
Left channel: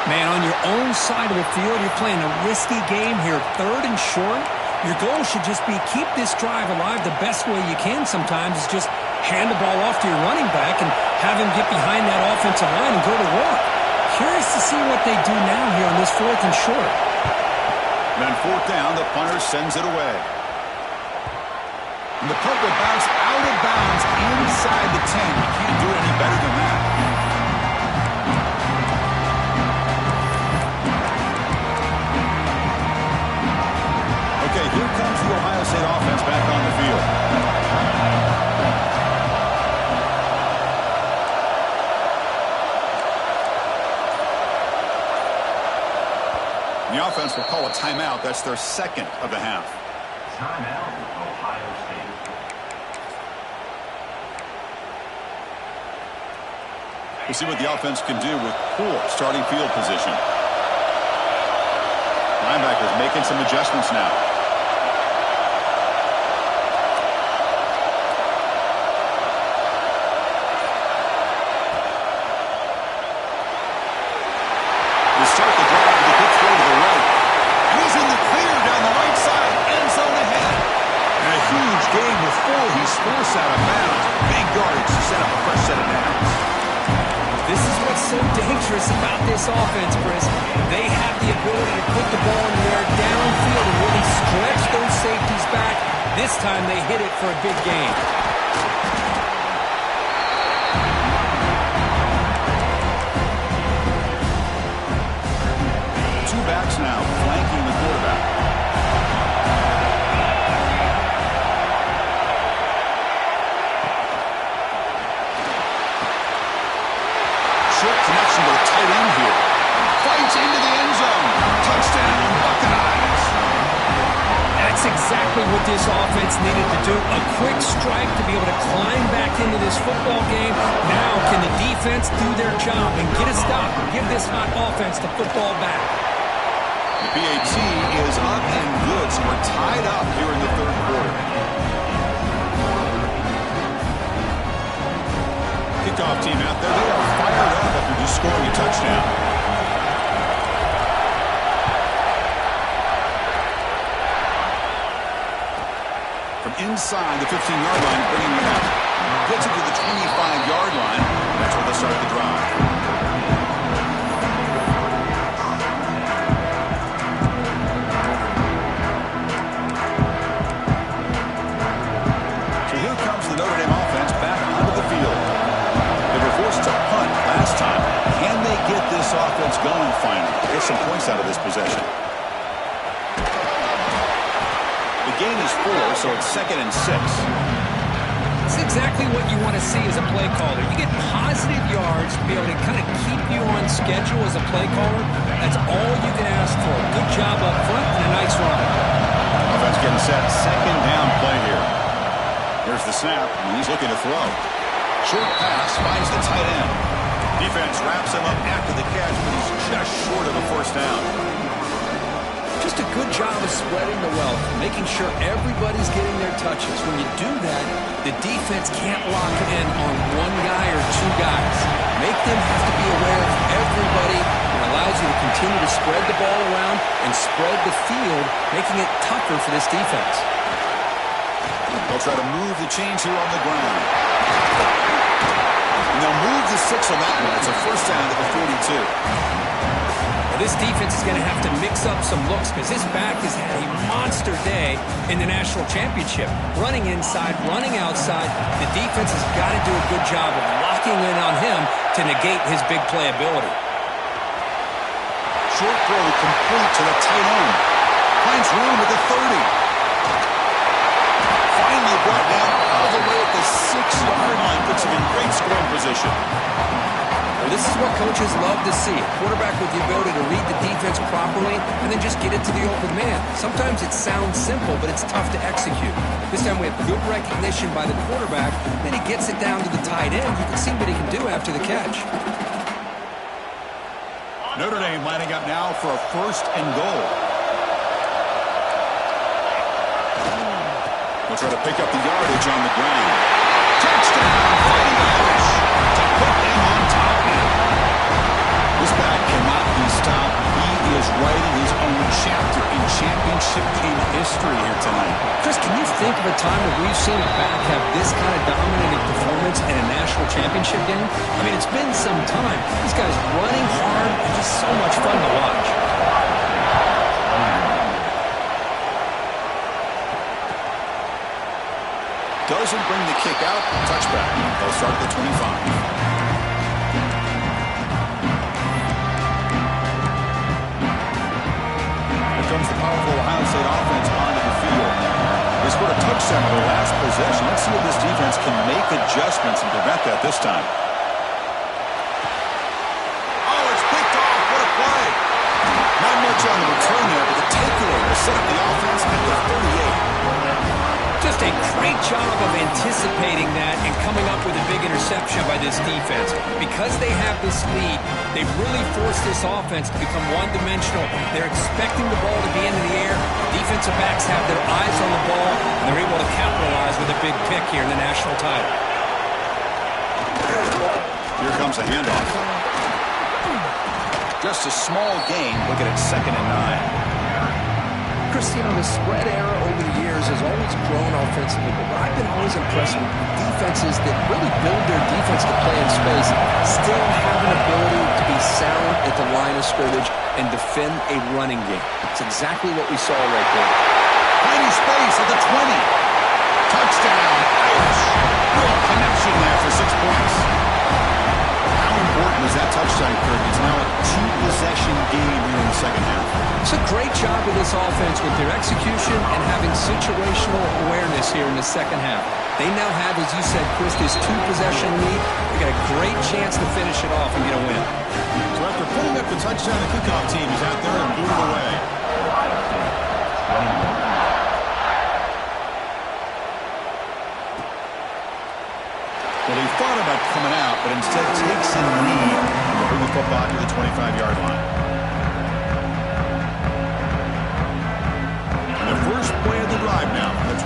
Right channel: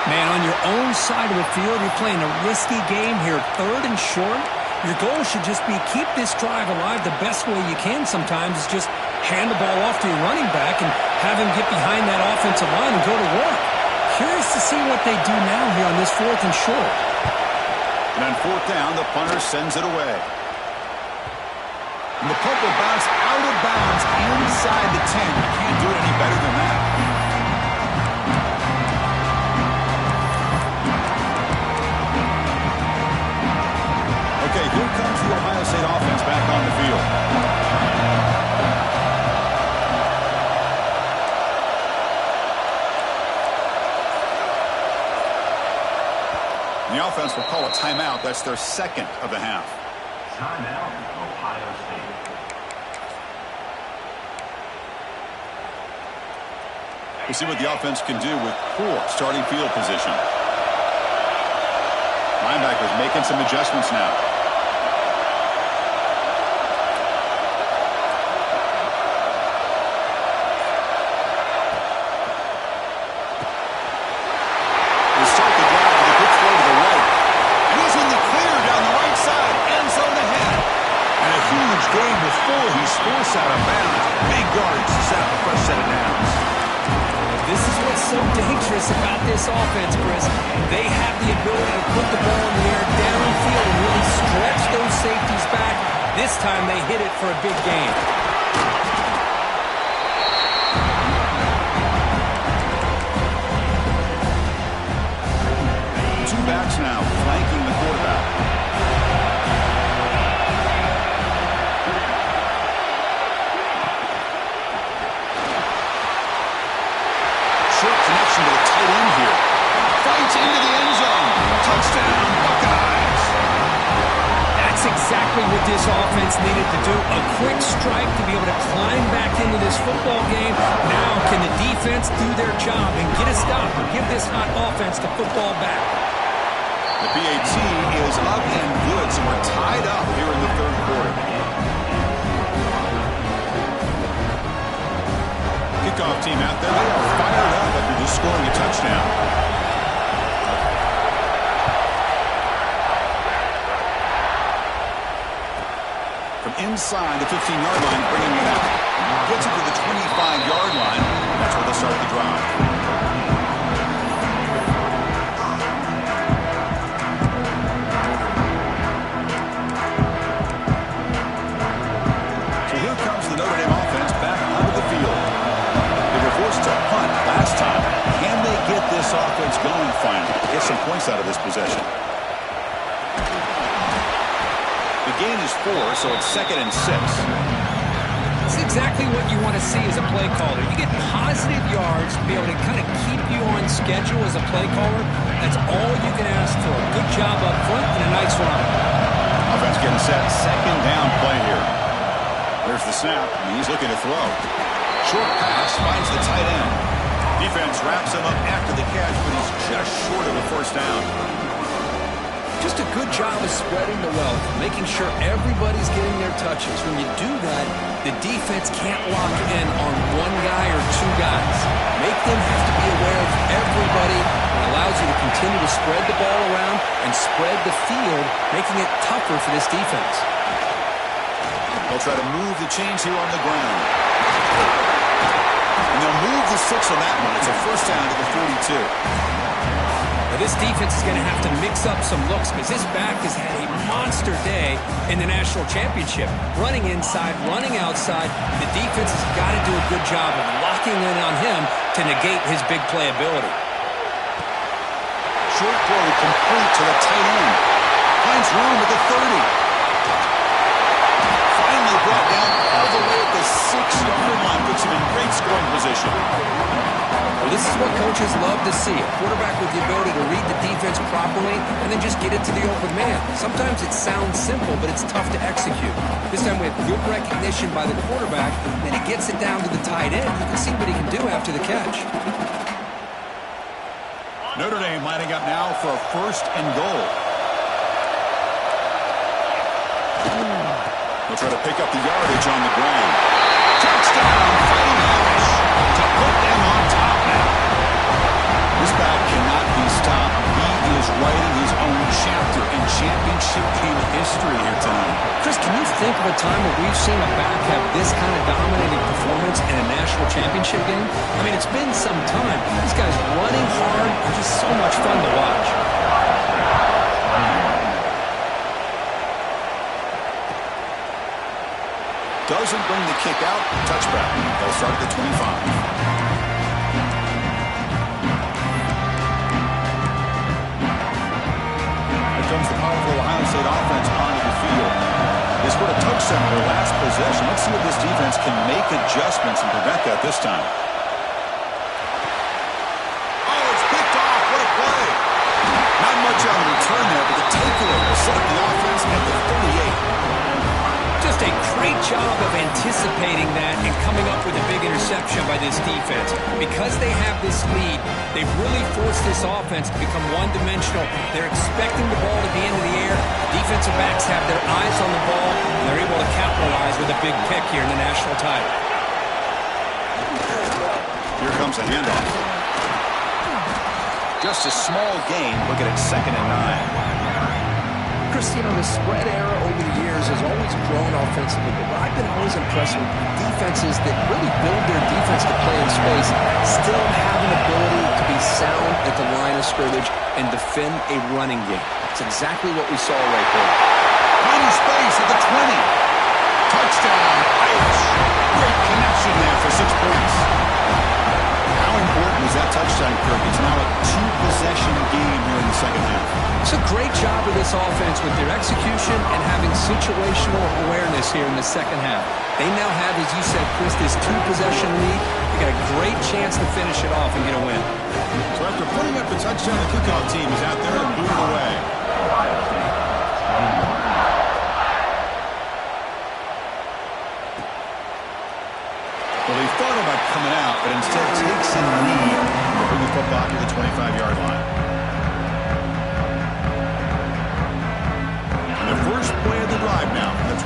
Man, on your own side of the field, you're playing a risky game here. 3rd and short. Your goal should just be keep this drive alive the best way you can sometimes is just hand the ball off to your running back and have him get behind that offensive line and go to work. Curious to see what they do now here on this 4th and short. And on 4th down, the punter sends it away. And the punt will bounce out of bounds inside the 10. You can't do it any better than that. Okay, here comes the Ohio State offense back on the field. And the offense will call a timeout. That's their 2nd of the half. Timeout, Ohio State. We'll see what the offense can do with poor starting field position. Linebackers making some adjustments now. They start the drive with a good throw to the right. And he's in the clear down the right side. End zone ahead. And a huge gain before he's forced out of bounds. Big yardage to set up a fresh set of downs. This is what's so dangerous about this offense, Chris. They have the ability to put the ball in the air downfield and really stretch those safeties back. This time they hit it for a big gain. Two backs now flanking the quarterback. Short connection to the tight end here. Fights into the end zone. Touchdown, Buckeyes. That's exactly what this offense needed to do. A quick strike to be able to climb back into this football game. Now can the defense do their job and get a stop and give this hot offense the football back? The PAT is up and good, so we're tied up here in the third quarter. Kickoff team out there. They are fired up after just scoring a touchdown. From inside the 15-yard line, bringing it out. Gets it to the 25-yard line. That's where they'll start the drive. The Notre Dame offense back onto the field. They were forced to punt last time. Can they get this offense going finally? Get some points out of this possession. The gain is 4, so it's 2nd and 6. It's exactly what you want to see as a play caller. You get positive yards to be able to kind of keep you on schedule as a play caller. That's all you can ask for. Good job up front and a nice run. Offense getting set. 2nd down play here. There's the snap, and he's looking to throw. Short pass finds the tight end. Defense wraps him up after the catch, but he's just short of a first down. Just a good job of spreading the wealth, making sure everybody's getting their touches. When you do that, the defense can't lock in on one guy or two guys. Make them have to be aware of everybody. It allows you to continue to spread the ball around and spread the field, making it tougher for this defense. They'll try to move the chains here on the ground. And they'll move the 6 on that one. It's a first down to the 42. Now this defense is going to have to mix up some looks because this back has had a monster day in the national championship. Running inside, running outside. The defense has got to do a good job of locking in on him to negate his big play ability. Short throw complete to the tight end. Finds room at the 30. Finally brought down all the way at the 6-yard line. Puts him in great scoring position. Well, this is what coaches love to see. A quarterback with the ability to read the defense properly and then just get it to the open man. Sometimes it sounds simple, but it's tough to execute. This time we have good recognition by the quarterback. Then he gets it down to the tight end. You can see what he can do after the catch. Notre Dame lining up now for a 1st and goal. They'll try to pick up the yardage on the ground. Touchdown, Fighting Irish, to put them on top now. This back cannot be stopped. He is writing his own chapter in championship game history here tonight. Chris, can you think of a time where we've seen a back have this kind of dominating performance in a national championship game? I mean, it's been some time. This guy's running hard and just so much fun to watch. Doesn't bring the kick out. Touchback. They'll start at the 25. Here comes the powerful Ohio State offense onto the field. They scored a touchdown on their last possession. Let's see if this defense can make adjustments and prevent that this time. Oh, it's picked off. What a play. Not much on the return there, but the takeaway will set up the offense at the 38. Just a great job of anticipating that and coming up with a big interception by this defense. Because they have this lead, they've really forced this offense to become one-dimensional. They're expecting the ball to be into the air. Defensive backs have their eyes on the ball, and they're able to capitalize with a big pick here in the national title. Here comes a handoff. Just a small gain. Looking at 2nd and 9. Chris, the spread era over the years has always grown offensively, but I've been always impressed with defenses that really build their defense to play in space, still have an ability to be sound at the line of scrimmage and defend a running game. It's exactly what we saw right there. Tiny space at the 20. Touchdown, Irish. Great connection there for 6 points. How important was that touchdown, Kirk? It's now a 2-possession game here in the second half. It's a great job with this offense with their execution and having situational awareness here in the second half. They now have, as you said, Chris, this 2-possession lead. They got a great chance to finish it off and get a win. So after putting up the touchdown, the kickoff team is out there and booted away. Ohio State, 21. Well, he thought about coming out, but instead takes a knee to bring the football to the 25-yard line. And the first play of the drive now from the 25.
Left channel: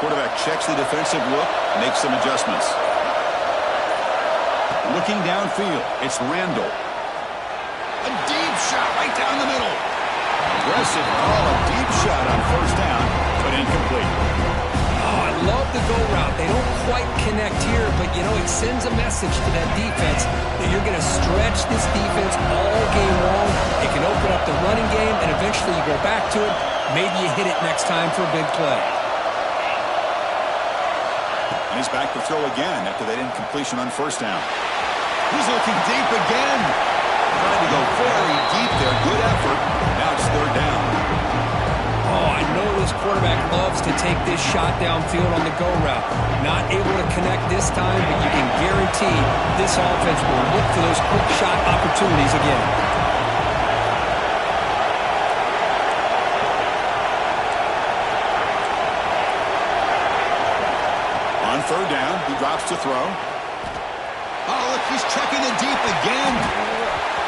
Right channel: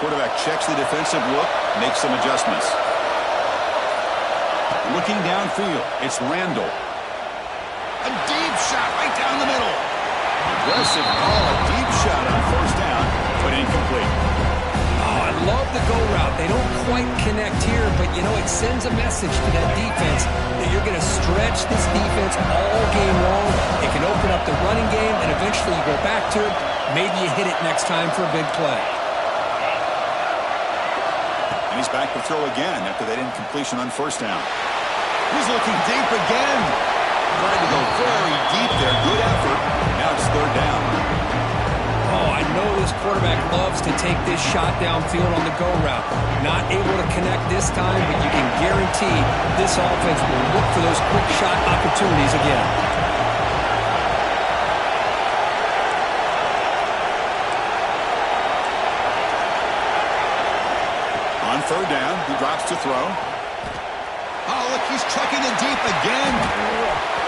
Quarterback checks the defensive look, makes some adjustments. Looking downfield, it's Randall. A deep shot right down the middle. Aggressive call, a deep shot on 1st down, but incomplete. Oh, I love the go route. They don't quite connect here, but, it sends a message to that defense that you're going to stretch this defense all game long. It can open up the running game, and eventually you go back to it. Maybe you hit it next time for a big play. And he's back to throw again after that incompletion on 1st down. He's looking deep again. Tried to go very deep there. Good effort. Now it's 3rd down. Oh, I know this quarterback loves to take this shot downfield on the go route. Not able to connect this time, but you can guarantee this offense will look for those quick shot opportunities again. On 3rd down, he drops to throw. Oh, look, he's chucking it deep again.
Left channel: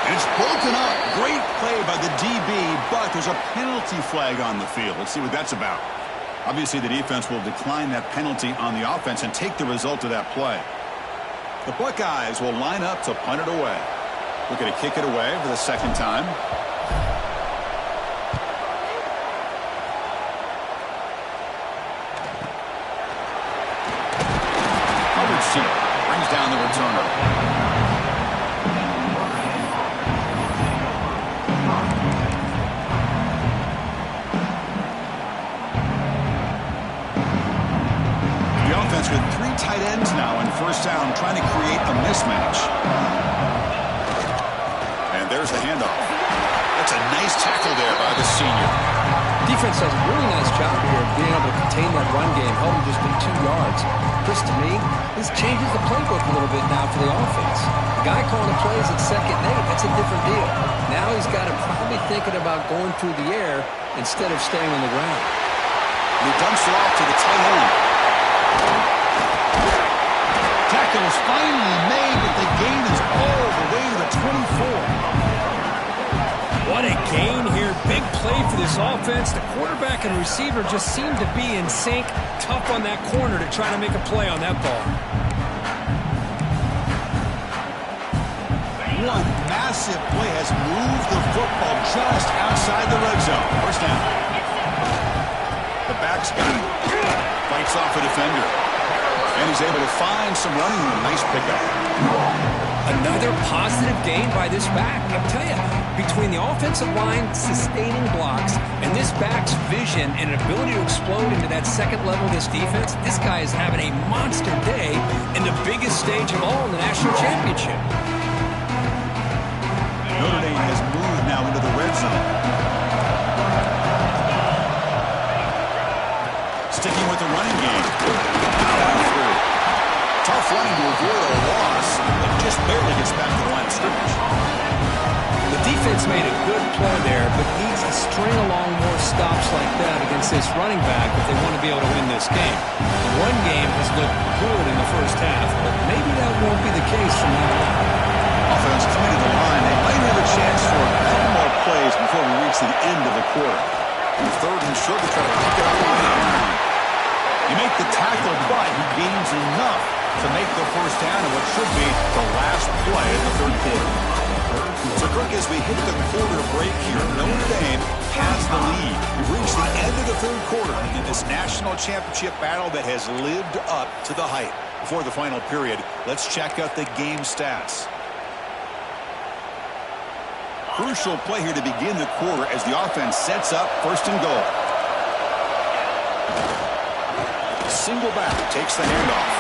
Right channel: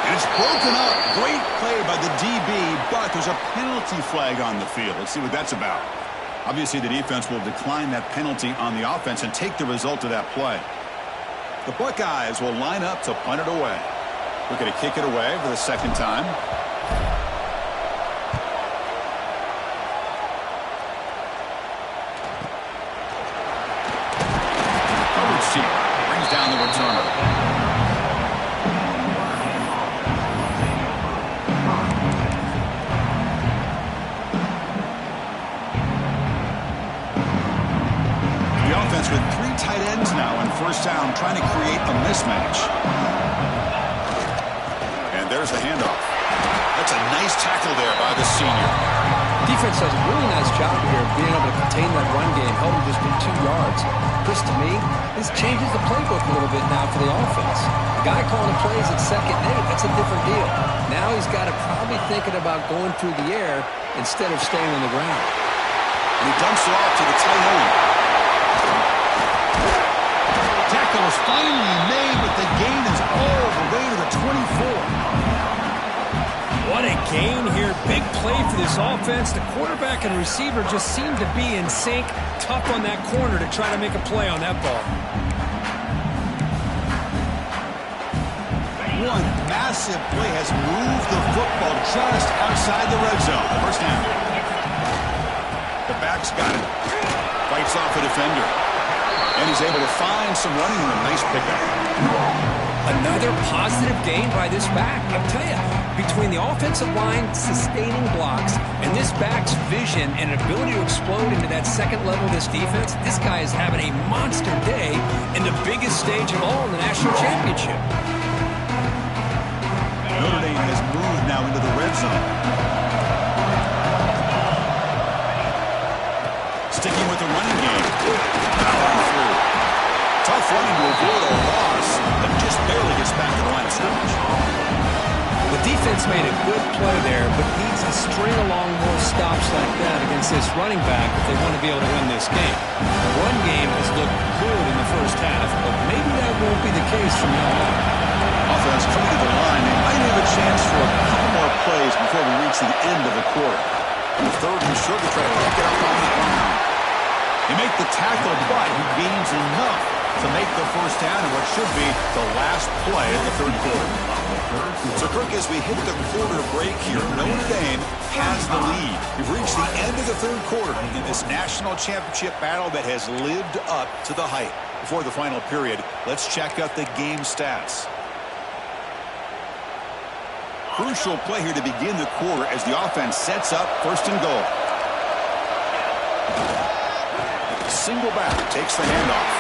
And it's broken up. Great play by the DB, but there's a penalty flag on the field. Let's see what that's about. Obviously, the defense will decline that penalty on the offense and take the result of that play. The Buckeyes will line up to punt it away. Looking to kick it away for the 2nd time. Coverage team brings down the returner. With 3 tight ends now on 1st down, trying to create a mismatch. And there's the handoff. That's a nice tackle there by the senior. Defense does a really nice job here of being able to contain that run game, held him just to 2 yards. Chris, to me, this changes the playbook a little bit now for the offense. The guy calling the plays at 2nd and 8, that's a different deal. Now he's got to probably thinking about going through the air instead of staying on the ground. And he dumps it off to the tight end. Tackle is finally made, but the gain is all the way to the 24. What a gain here. Big play for this offense. The quarterback and receiver just seem to be in sync. Tough on that corner to try to make a play on that ball. One massive play has moved the football just outside the red zone. 1st down. The back's got it. Fights off a defender. And he's able to find some running room. Nice pickup. Another positive gain by this back. I'll tell you, between the offensive line sustaining blocks and this back's vision and ability to explode into that 2nd level of this defense, this guy is having a monster day in the biggest stage of all in the national championship. Notre Dame has moved now into the red zone. Sticking with the running game. Powering through. Tough running to avoid a loss, but just barely gets back to the line of scrimmage. The defense made a good play there, but needs to string along more stops like that against this running back if they want to be able to win this game. The run game has looked good in the first half, but maybe that won't be the case from now on. Offense coming to the line. They might have a chance for a couple more plays before we reach the end of the quarter. Third and short to try to pick it up on the ground. He make the tackle, but he gains enough to make the first down in what should be the last play of the third quarter. So, Kirk, as we hit the quarter break here, Notre Dame has the lead. We've reached the end of the third quarter in this national championship battle that has lived up to the hype. Before the final period, let's check out the game stats. Crucial play here to begin the quarter as the offense sets up first and goal. Single back takes the handoff.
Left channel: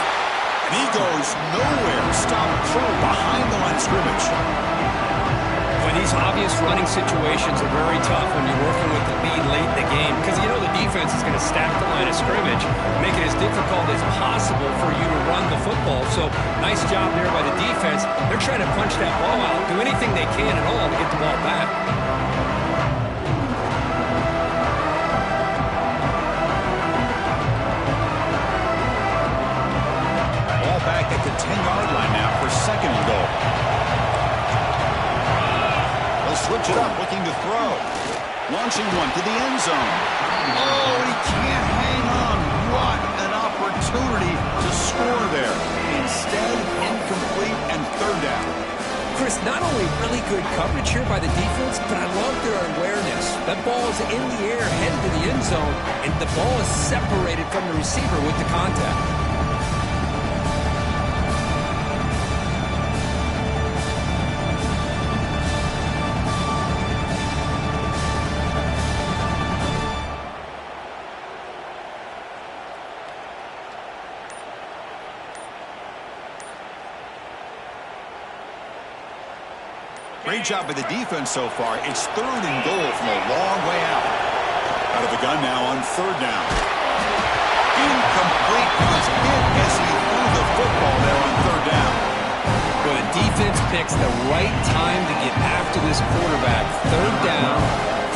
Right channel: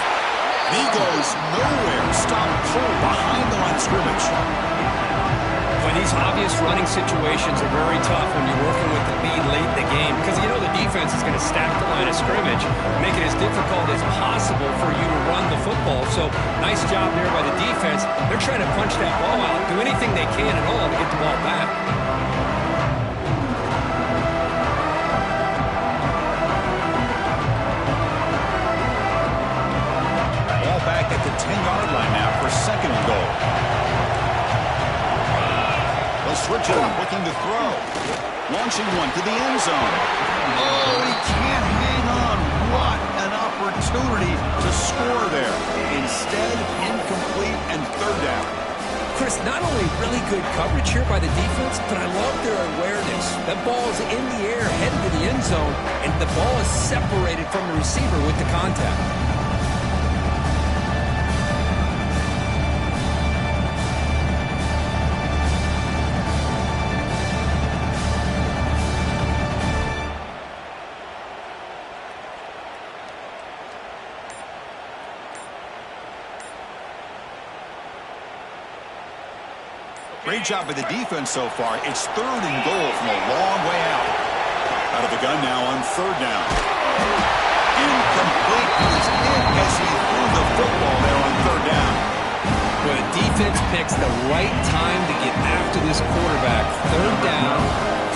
And he goes nowhere. Stopped cold behind the line of scrimmage. When these obvious running situations are very tough when you're working with the lead late in the game because you know the defense is going to stack the line of scrimmage, make it as difficult as possible for you to run the football. So nice job there by the defense. They're trying to punch that ball out, do anything they can at all to get the ball back. Ball back at the 10-yard line now for second and goal. They'll switch it up, looking to throw. Launching one to the end zone. Oh, he can't hang on. What an opportunity to score there. Instead, incomplete and third down. Chris, not only really good coverage here by the defense, but I love their awareness. That ball is in the air, headed to the end zone, and the ball is separated from the receiver with the contact. Great job by the defense so far. It's third and goal from a long way out. Out of the gun now on third down. Incomplete. He was hit as he threw the football there on third down. Well, the defense picks the right time to get after this quarterback. Third down,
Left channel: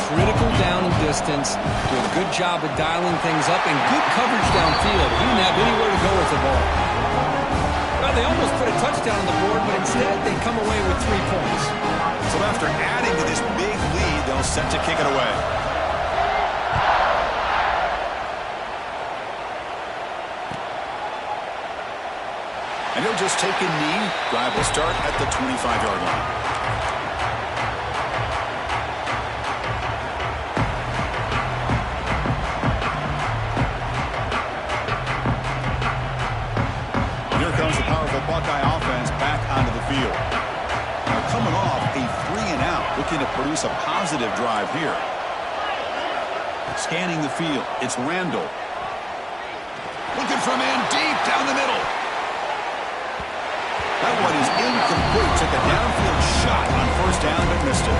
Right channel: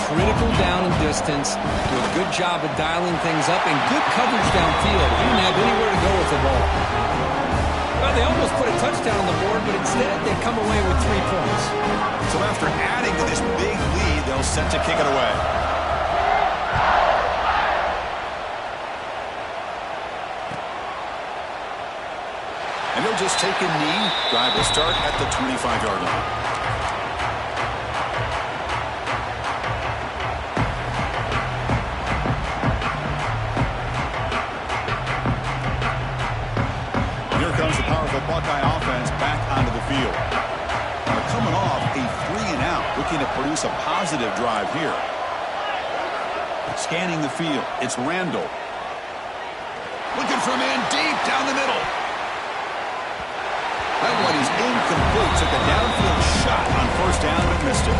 critical down and distance. Do a good job of dialing things up and good coverage downfield. He didn't have anywhere to go with the ball. Well, they almost put a touchdown on the board, but instead they come away with 3 points. So after adding to this big lead, they'll set to kick it away. And he'll just take a knee. Drive will start at the 25-yard line. Buckeye offense back onto the field. They're coming off a 3-and-out, looking to produce a positive drive here. Scanning the field, it's Randall. Looking for a man deep down the middle. That one is incomplete. Took a downfield shot on first down, but missed it.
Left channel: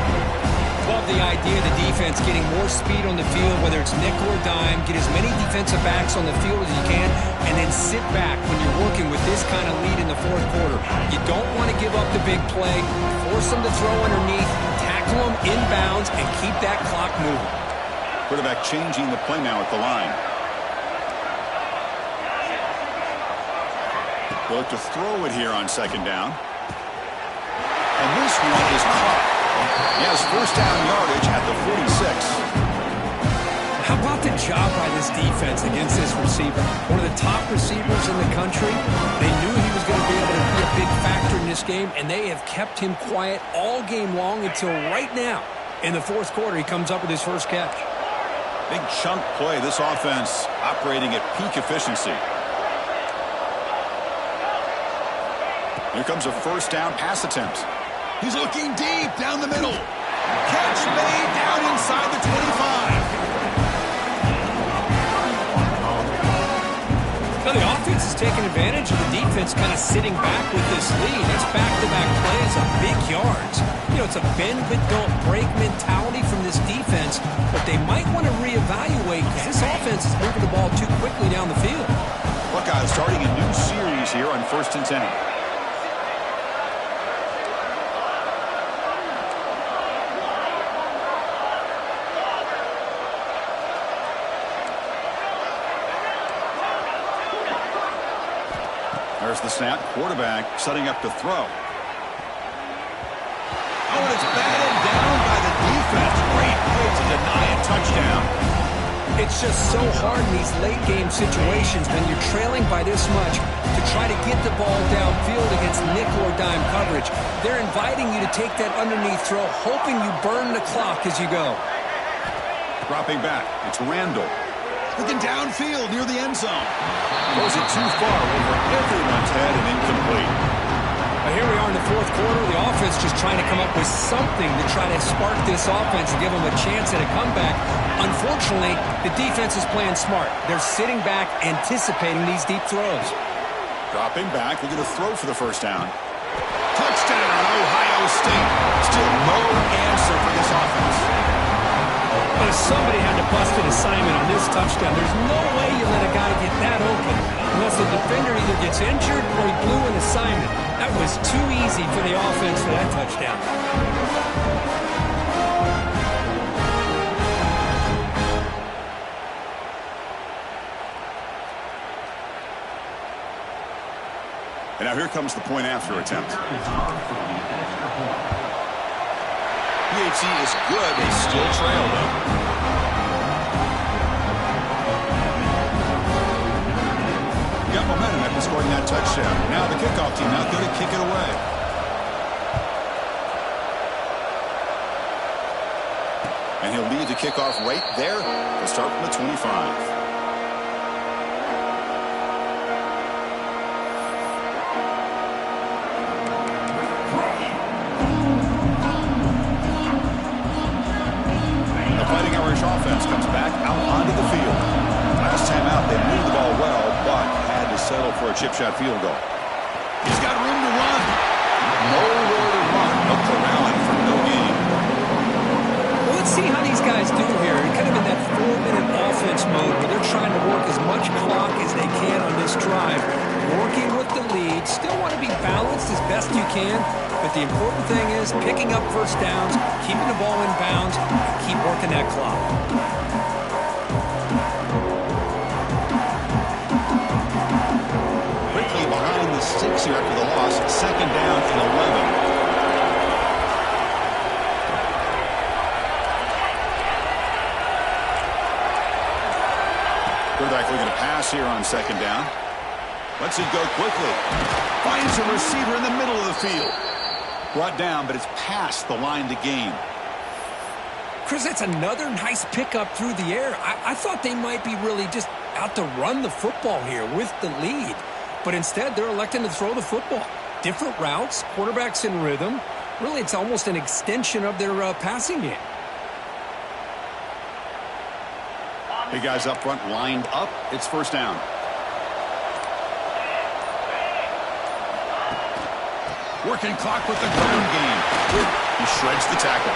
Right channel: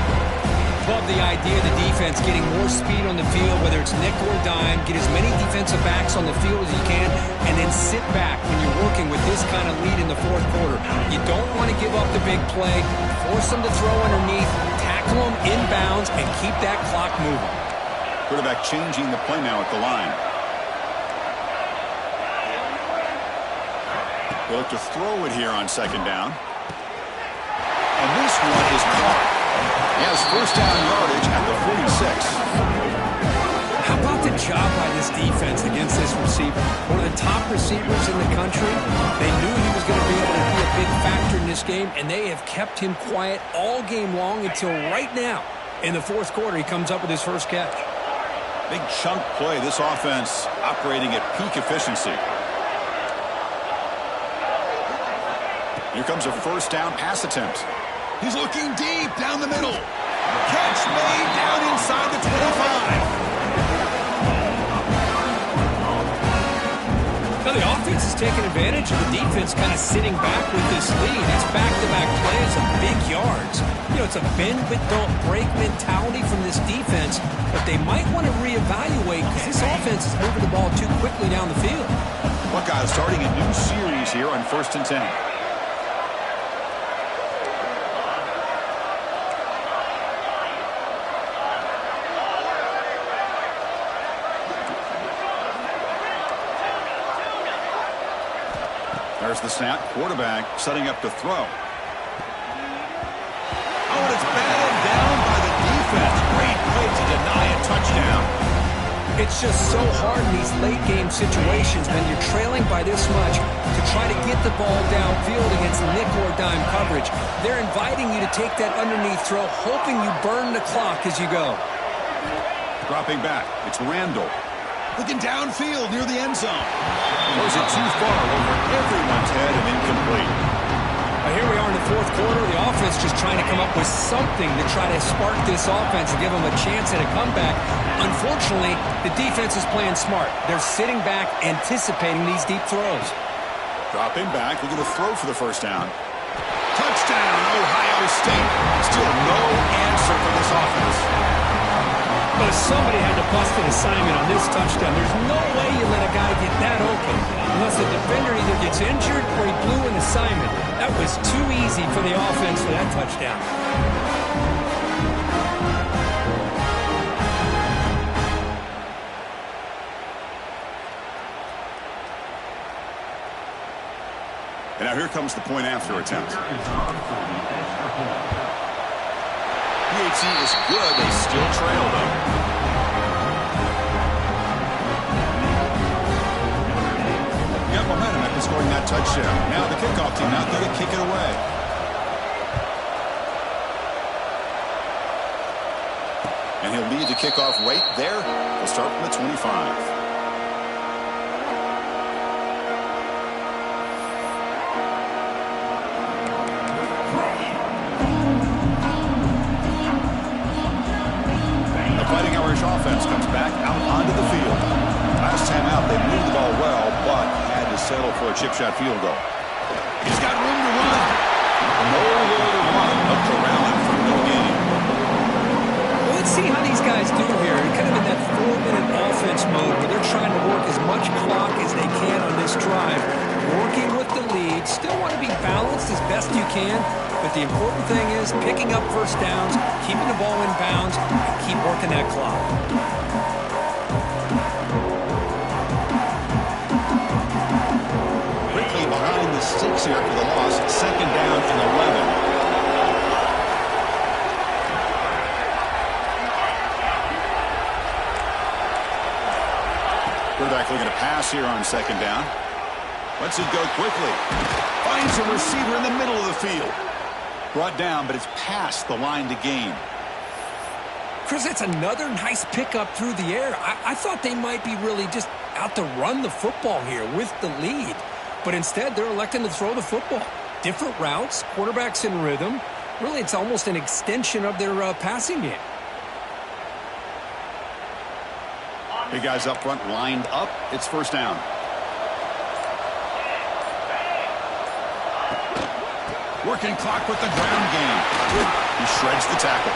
Love the idea of the defense getting more speed on the field, whether it's nickel or dime, get as many defensive backs on the field as you can, and then sit back when you're working with this kind of lead in the fourth quarter. You don't want to give up the big play, force them to throw underneath, tackle them inbounds, and keep that clock moving. Quarterback changing the play now at the line. They'll look to throw it here on second down. And this one is caught. He has first down yardage at the 46. How about the job by this defense against this receiver? One of the top receivers in the country. They knew he was going to be able to be a big factor in this game, and they have kept him quiet all game long until right now. In the fourth quarter, he comes up with his first catch. Big chunk play. This offense operating at peak efficiency. Here comes a first down pass attempt. He's looking deep down the middle. Catch made down inside the 25. Now the offense is taking advantage of the defense kind of sitting back with this lead. It's back-to-back plays of big yards. You know, it's a bend but don't break mentality from this defense, but they might want to reevaluate because this offense is moving the ball too quickly down the field. Buckeyes starting a new series here on 1st and 10. There's the snap. Quarterback setting up to throw. Oh, and it's batted down by the defense. Great play to deny a touchdown. It's just so hard in these late-game situations when you're trailing by this much to try to get the ball downfield against nickel or dime coverage. They're inviting you to take that underneath throw, hoping you burn the clock as you go. Dropping back. It's Randall. Looking downfield near the end zone. Throws it too far over everyone's head and incomplete. Here we are in the fourth quarter. The offense just trying to come up with something to try to spark this offense and give them a chance at a comeback. Unfortunately, the defense is playing smart. They're sitting back, anticipating these deep throws. Dropping back, looking to throw for the first down. Touchdown, Ohio State. Still no answer for this offense. But somebody had to bust an assignment on this touchdown. There's no way you let a guy get that open unless the defender either gets injured or he blew an assignment. That was too easy for the offense for that touchdown. And now here comes the point after attempt. PAT is good. They still trail, though. Got momentum after scoring that touchdown. Now the kickoff team out there to kick it away. And he'll lead the kickoff right there. He'll start from the 25. Offense comes back out onto the field. Last time out, they moved the ball well, but had to settle for a chip shot field goal. He's got room to run. Nowhere to run. No corralling for no gain. Well, let's see how these guys do here. Kind of in that 4-minute offense mode where they're trying to work as much clock as they can on this drive. Working with the lead. Still want to be balanced as best you can. But the important thing is picking up first downs, keeping the ball in bounds, and keep working that clock. Quickly behind the sticks here after the loss. Second down and 11. Quarterback looking to pass here on second down. Lets it go quickly. Finds a receiver in the middle of the field. Brought down, but it's past the line to gain. Chris, that's another nice pickup through the air. I thought they might be really just out to run the football here with the lead. But instead, they're electing to throw the football. Different routes, quarterbacks in rhythm. Really, it's almost an extension of their passing game. Big guys up front lined up. It's first down. Working clock with the ground game. He shreds the tackle.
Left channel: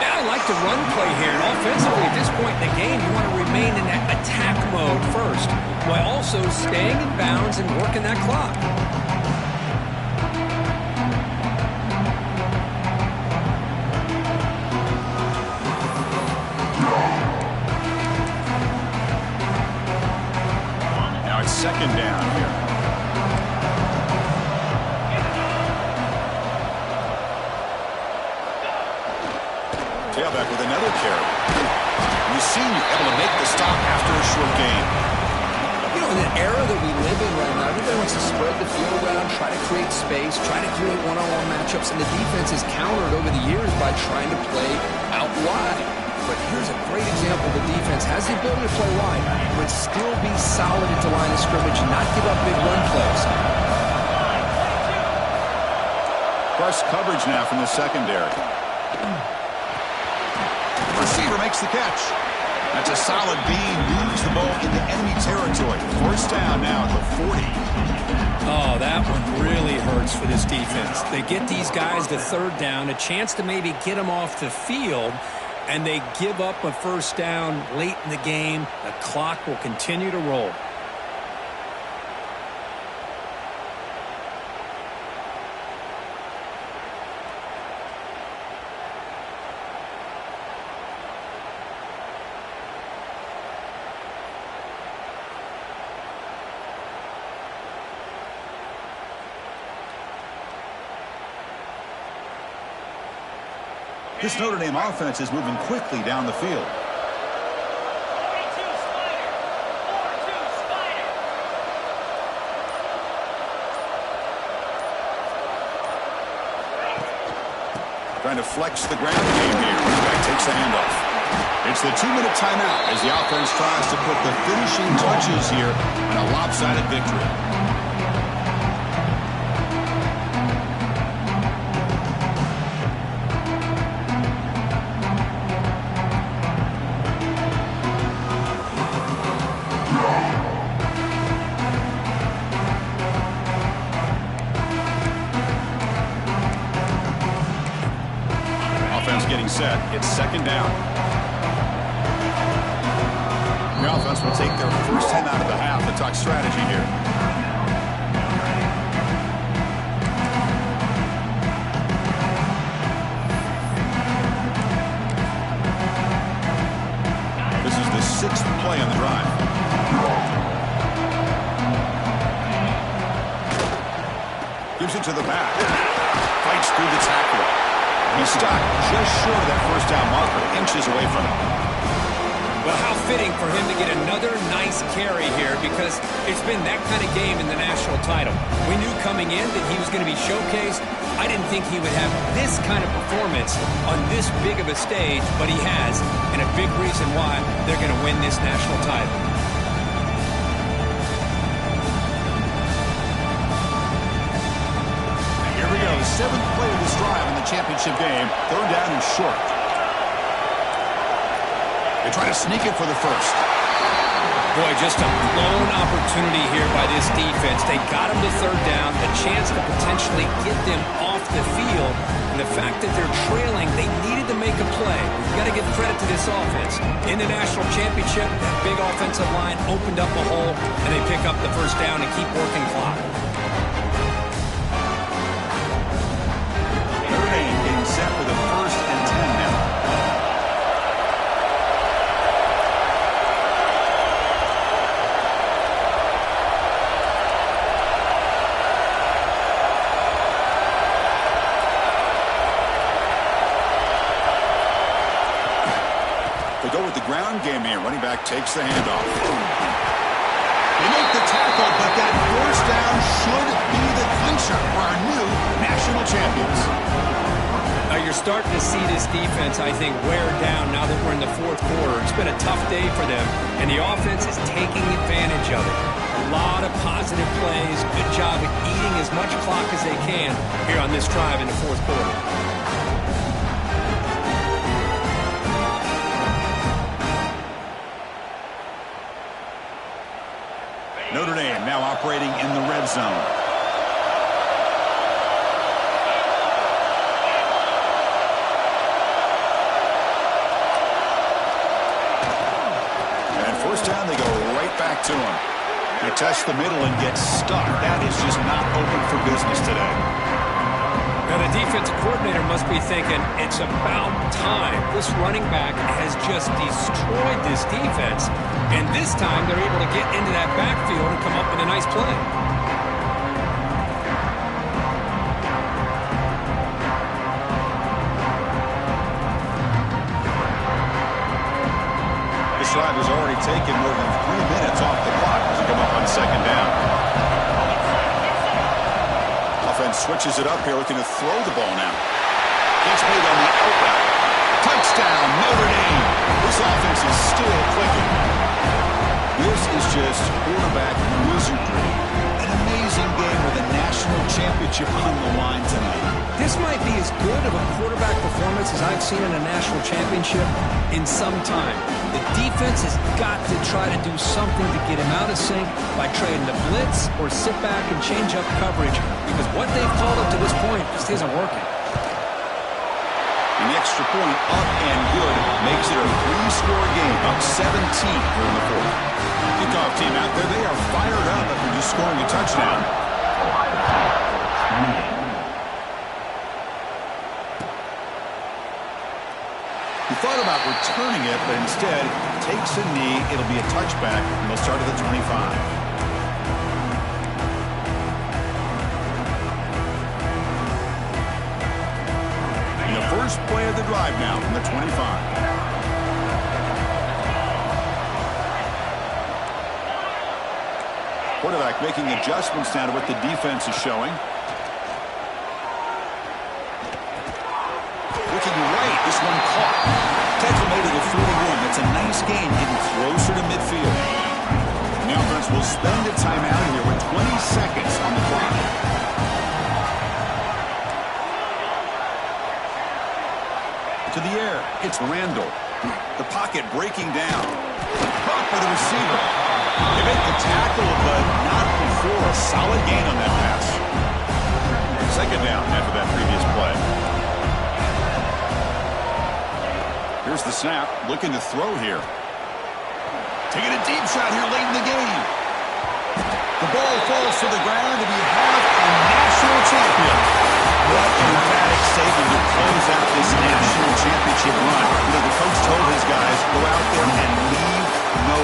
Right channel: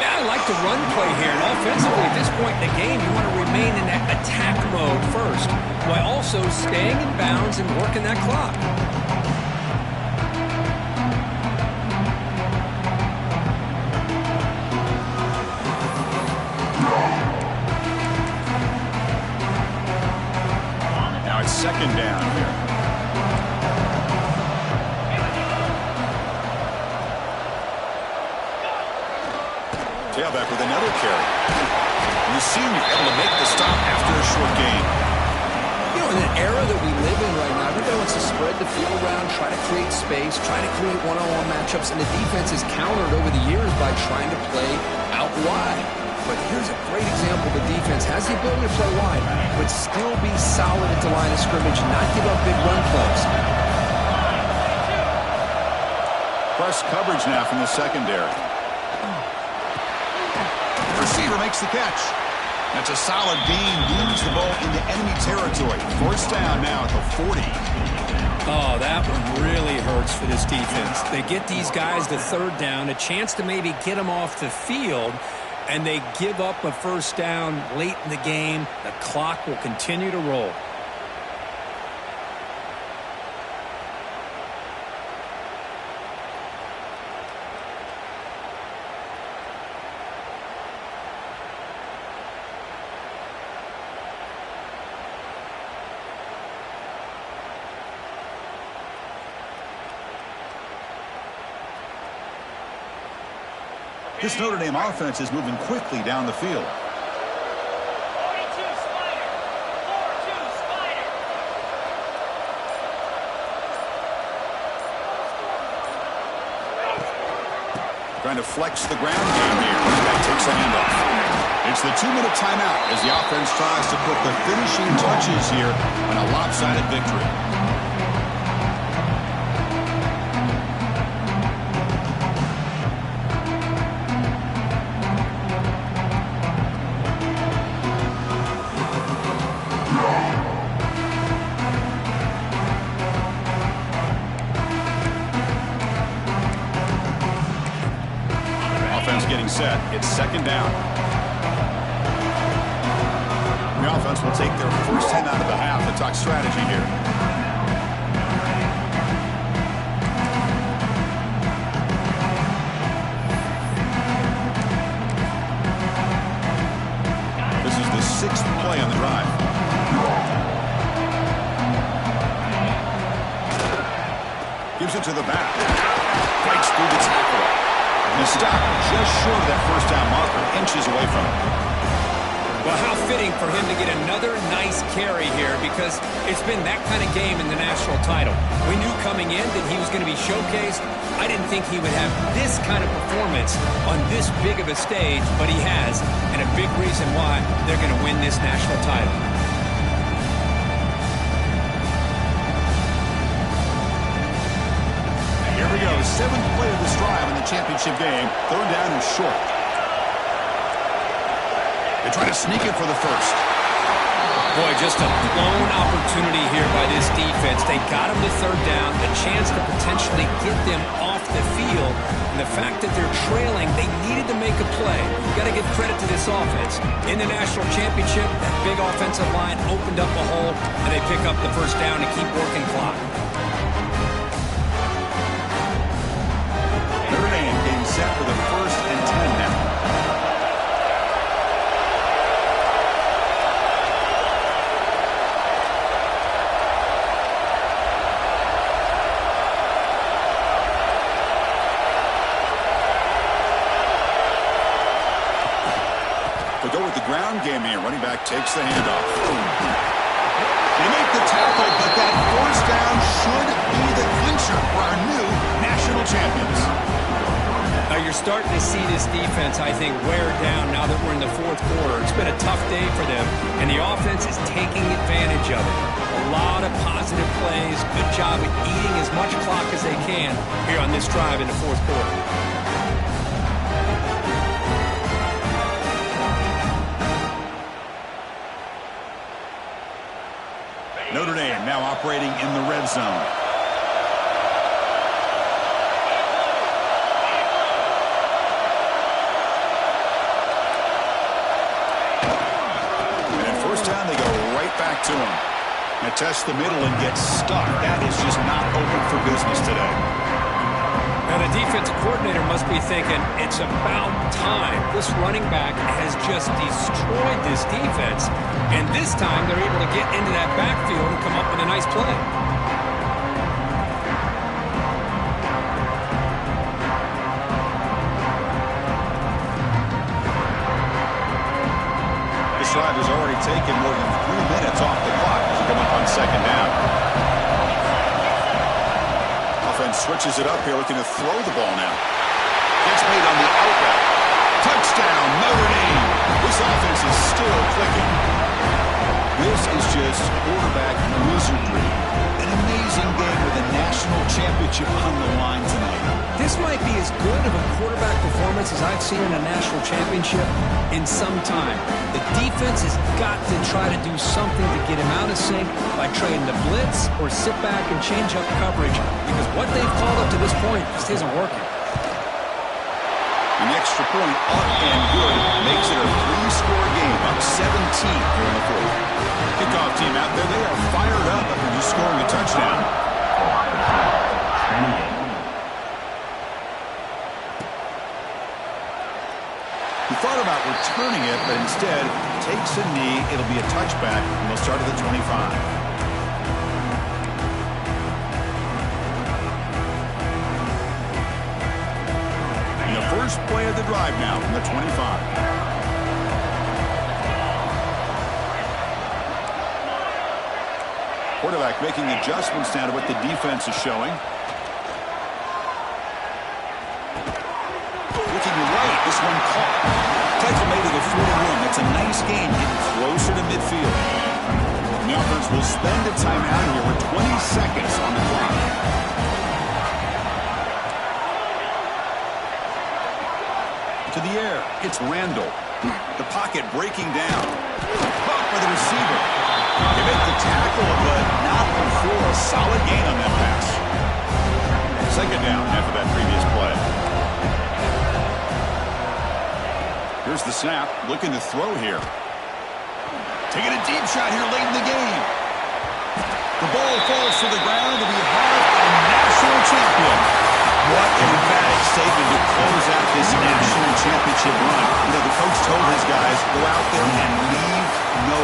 Yeah, I like the run play here. And offensively, at this point in the game, you want to remain in that attack mode first, while also staying in bounds and working that clock. Now it's second down here. Tailback with another carry. And the senior able to make the stop after a short gain. You know, in an era that we live in right now, everybody wants to spread the field around, try to create space, try to create one-on-one matchups, and the defense is countered over the years by trying to play out wide. But here's a great example. The defense has the ability to play wide, but still be solid at the line of scrimmage, not give up big run plays. Press coverage now from the secondary. Receiver makes the catch. That's a solid gain. Moves the ball into enemy territory. First down now at the 40. Oh, that one really hurts for this defense. They get these guys to third down, a chance to maybe get them off the field, and they give up a first down late in the game. The clock will continue to roll. This Notre Dame offense is moving quickly down the field. 42 Spider. 4-2 Spider. Trying to flex the ground game here. Back takes the handoff. It's the 2-minute timeout as the offense tries to put the finishing touches here on a lopsided victory. Getting set. It's second down. The offense will take their first 10 out of the half to talk strategy here. This is the 6th play on the drive. Gives it to the back. Fights through the tackle. He's stopped just short of that first down marker, inches away from it. Well, how fitting for him to get another nice carry here, because it's been that kind of game in the national title. We knew coming in that he was going to be showcased. I didn't think he would have this kind of performance on this big of a stage, but he has, and a big reason why they're going to win this national title. Here we go, 7th play of this drive in the championship game. 3rd down and short. They try to sneak it for the first. Boy, just a blown opportunity here by this defense. They got him to 3rd down, a chance to potentially get them off the field. And the fact that they're trailing, they needed to make a play. You've got to give credit to this offense. In the national championship, that big offensive line opened up a hole, and they pick up the first down and keep working clock. Notre Dame getting set for the 1st and 10 now. They go with the ground game here. Running back takes the handoff. They make the tackle, but that 4th down should be the clincher for our new national champions. Now you're starting to see this defense, I think, wear down now that we're in the 4th quarter. It's been a tough day for them, and the offense is taking advantage of it. A lot of positive plays. Good job at eating as much clock as they can here on this drive in the 4th quarter. Notre Dame now operating in the red zone. And at first down, they go right back to him. They test the middle and get stuck. That is just not open for business today. Now the defensive coordinator must be thinking, it's about time. This running back has just destroyed this defense. And this time they're able to get into that backfield and come up with a nice play. This drive has already taken more than 3 minutes off the clock as they come up on 2nd down. Offense switches it up here, looking to throw the ball now. Gets made on the out route. Touchdown, Notre Dame. This offense is still clicking. This is just quarterback wizardry. An amazing game with a national championship on the line tonight. This might be as good of a quarterback performance as I've seen in a national championship in some time. The defense has got to try to do something to get him out of sync by trading the blitz or sit back and change up coverage, because what they've called up to this point just isn't working. An extra point up and good makes it a 3-score game, up 17 here in the 4th. Kickoff team out there, they are fired up after just scoring a touchdown. Ohio State, 28. He thought about returning it, but instead takes a knee. It'll be a touchback, and they'll start at the 25. First play of the drive now from the 25. Quarterback making adjustments now to what the defense is showing. Looking right, this one caught. Tackle made to the 41. That's a nice gain, getting closer to midfield. And the offense will spend a timeout here with 20 seconds on the clock. To the air, it's Randall. The pocket breaking down. Caught by the receiver. They make the tackle, but not before a solid gain on that pass. Second down after that previous play. Here's the snap, looking to throw here. Taking a deep shot here late in the game. The ball falls to the ground, and we have a national champion. What an emphatic statement to close out this national championship run. You know, the coach told his guys, go out there and leave no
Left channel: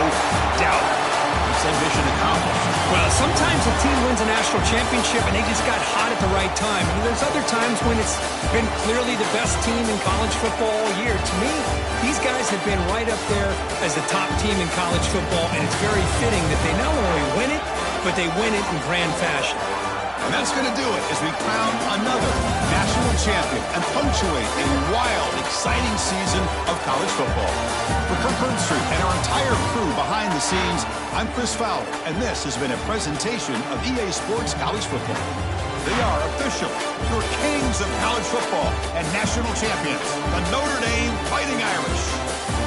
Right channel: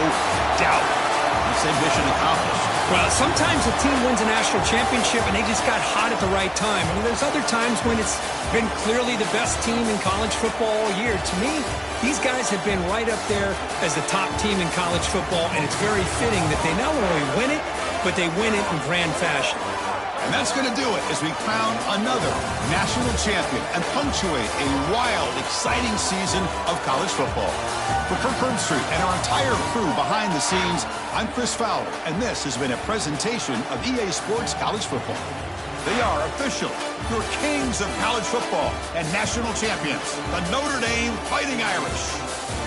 doubt. He said mission accomplished. Well, sometimes a team wins a national championship and they just got hot at the right time. I mean, there's other times when it's been clearly the best team in college football all year. To me, these guys have been right up there as the top team in college football, and it's very fitting that they not only win it, but they win it in grand fashion. And that's going to do it as we crown another national champion and punctuate a wild, exciting season of college football. For Kirk Herbstreit and our entire crew behind the scenes, I'm Chris Fowler, and this has been a presentation of EA Sports College Football. They are officially your kings of college football and national champions, the Notre Dame Fighting Irish.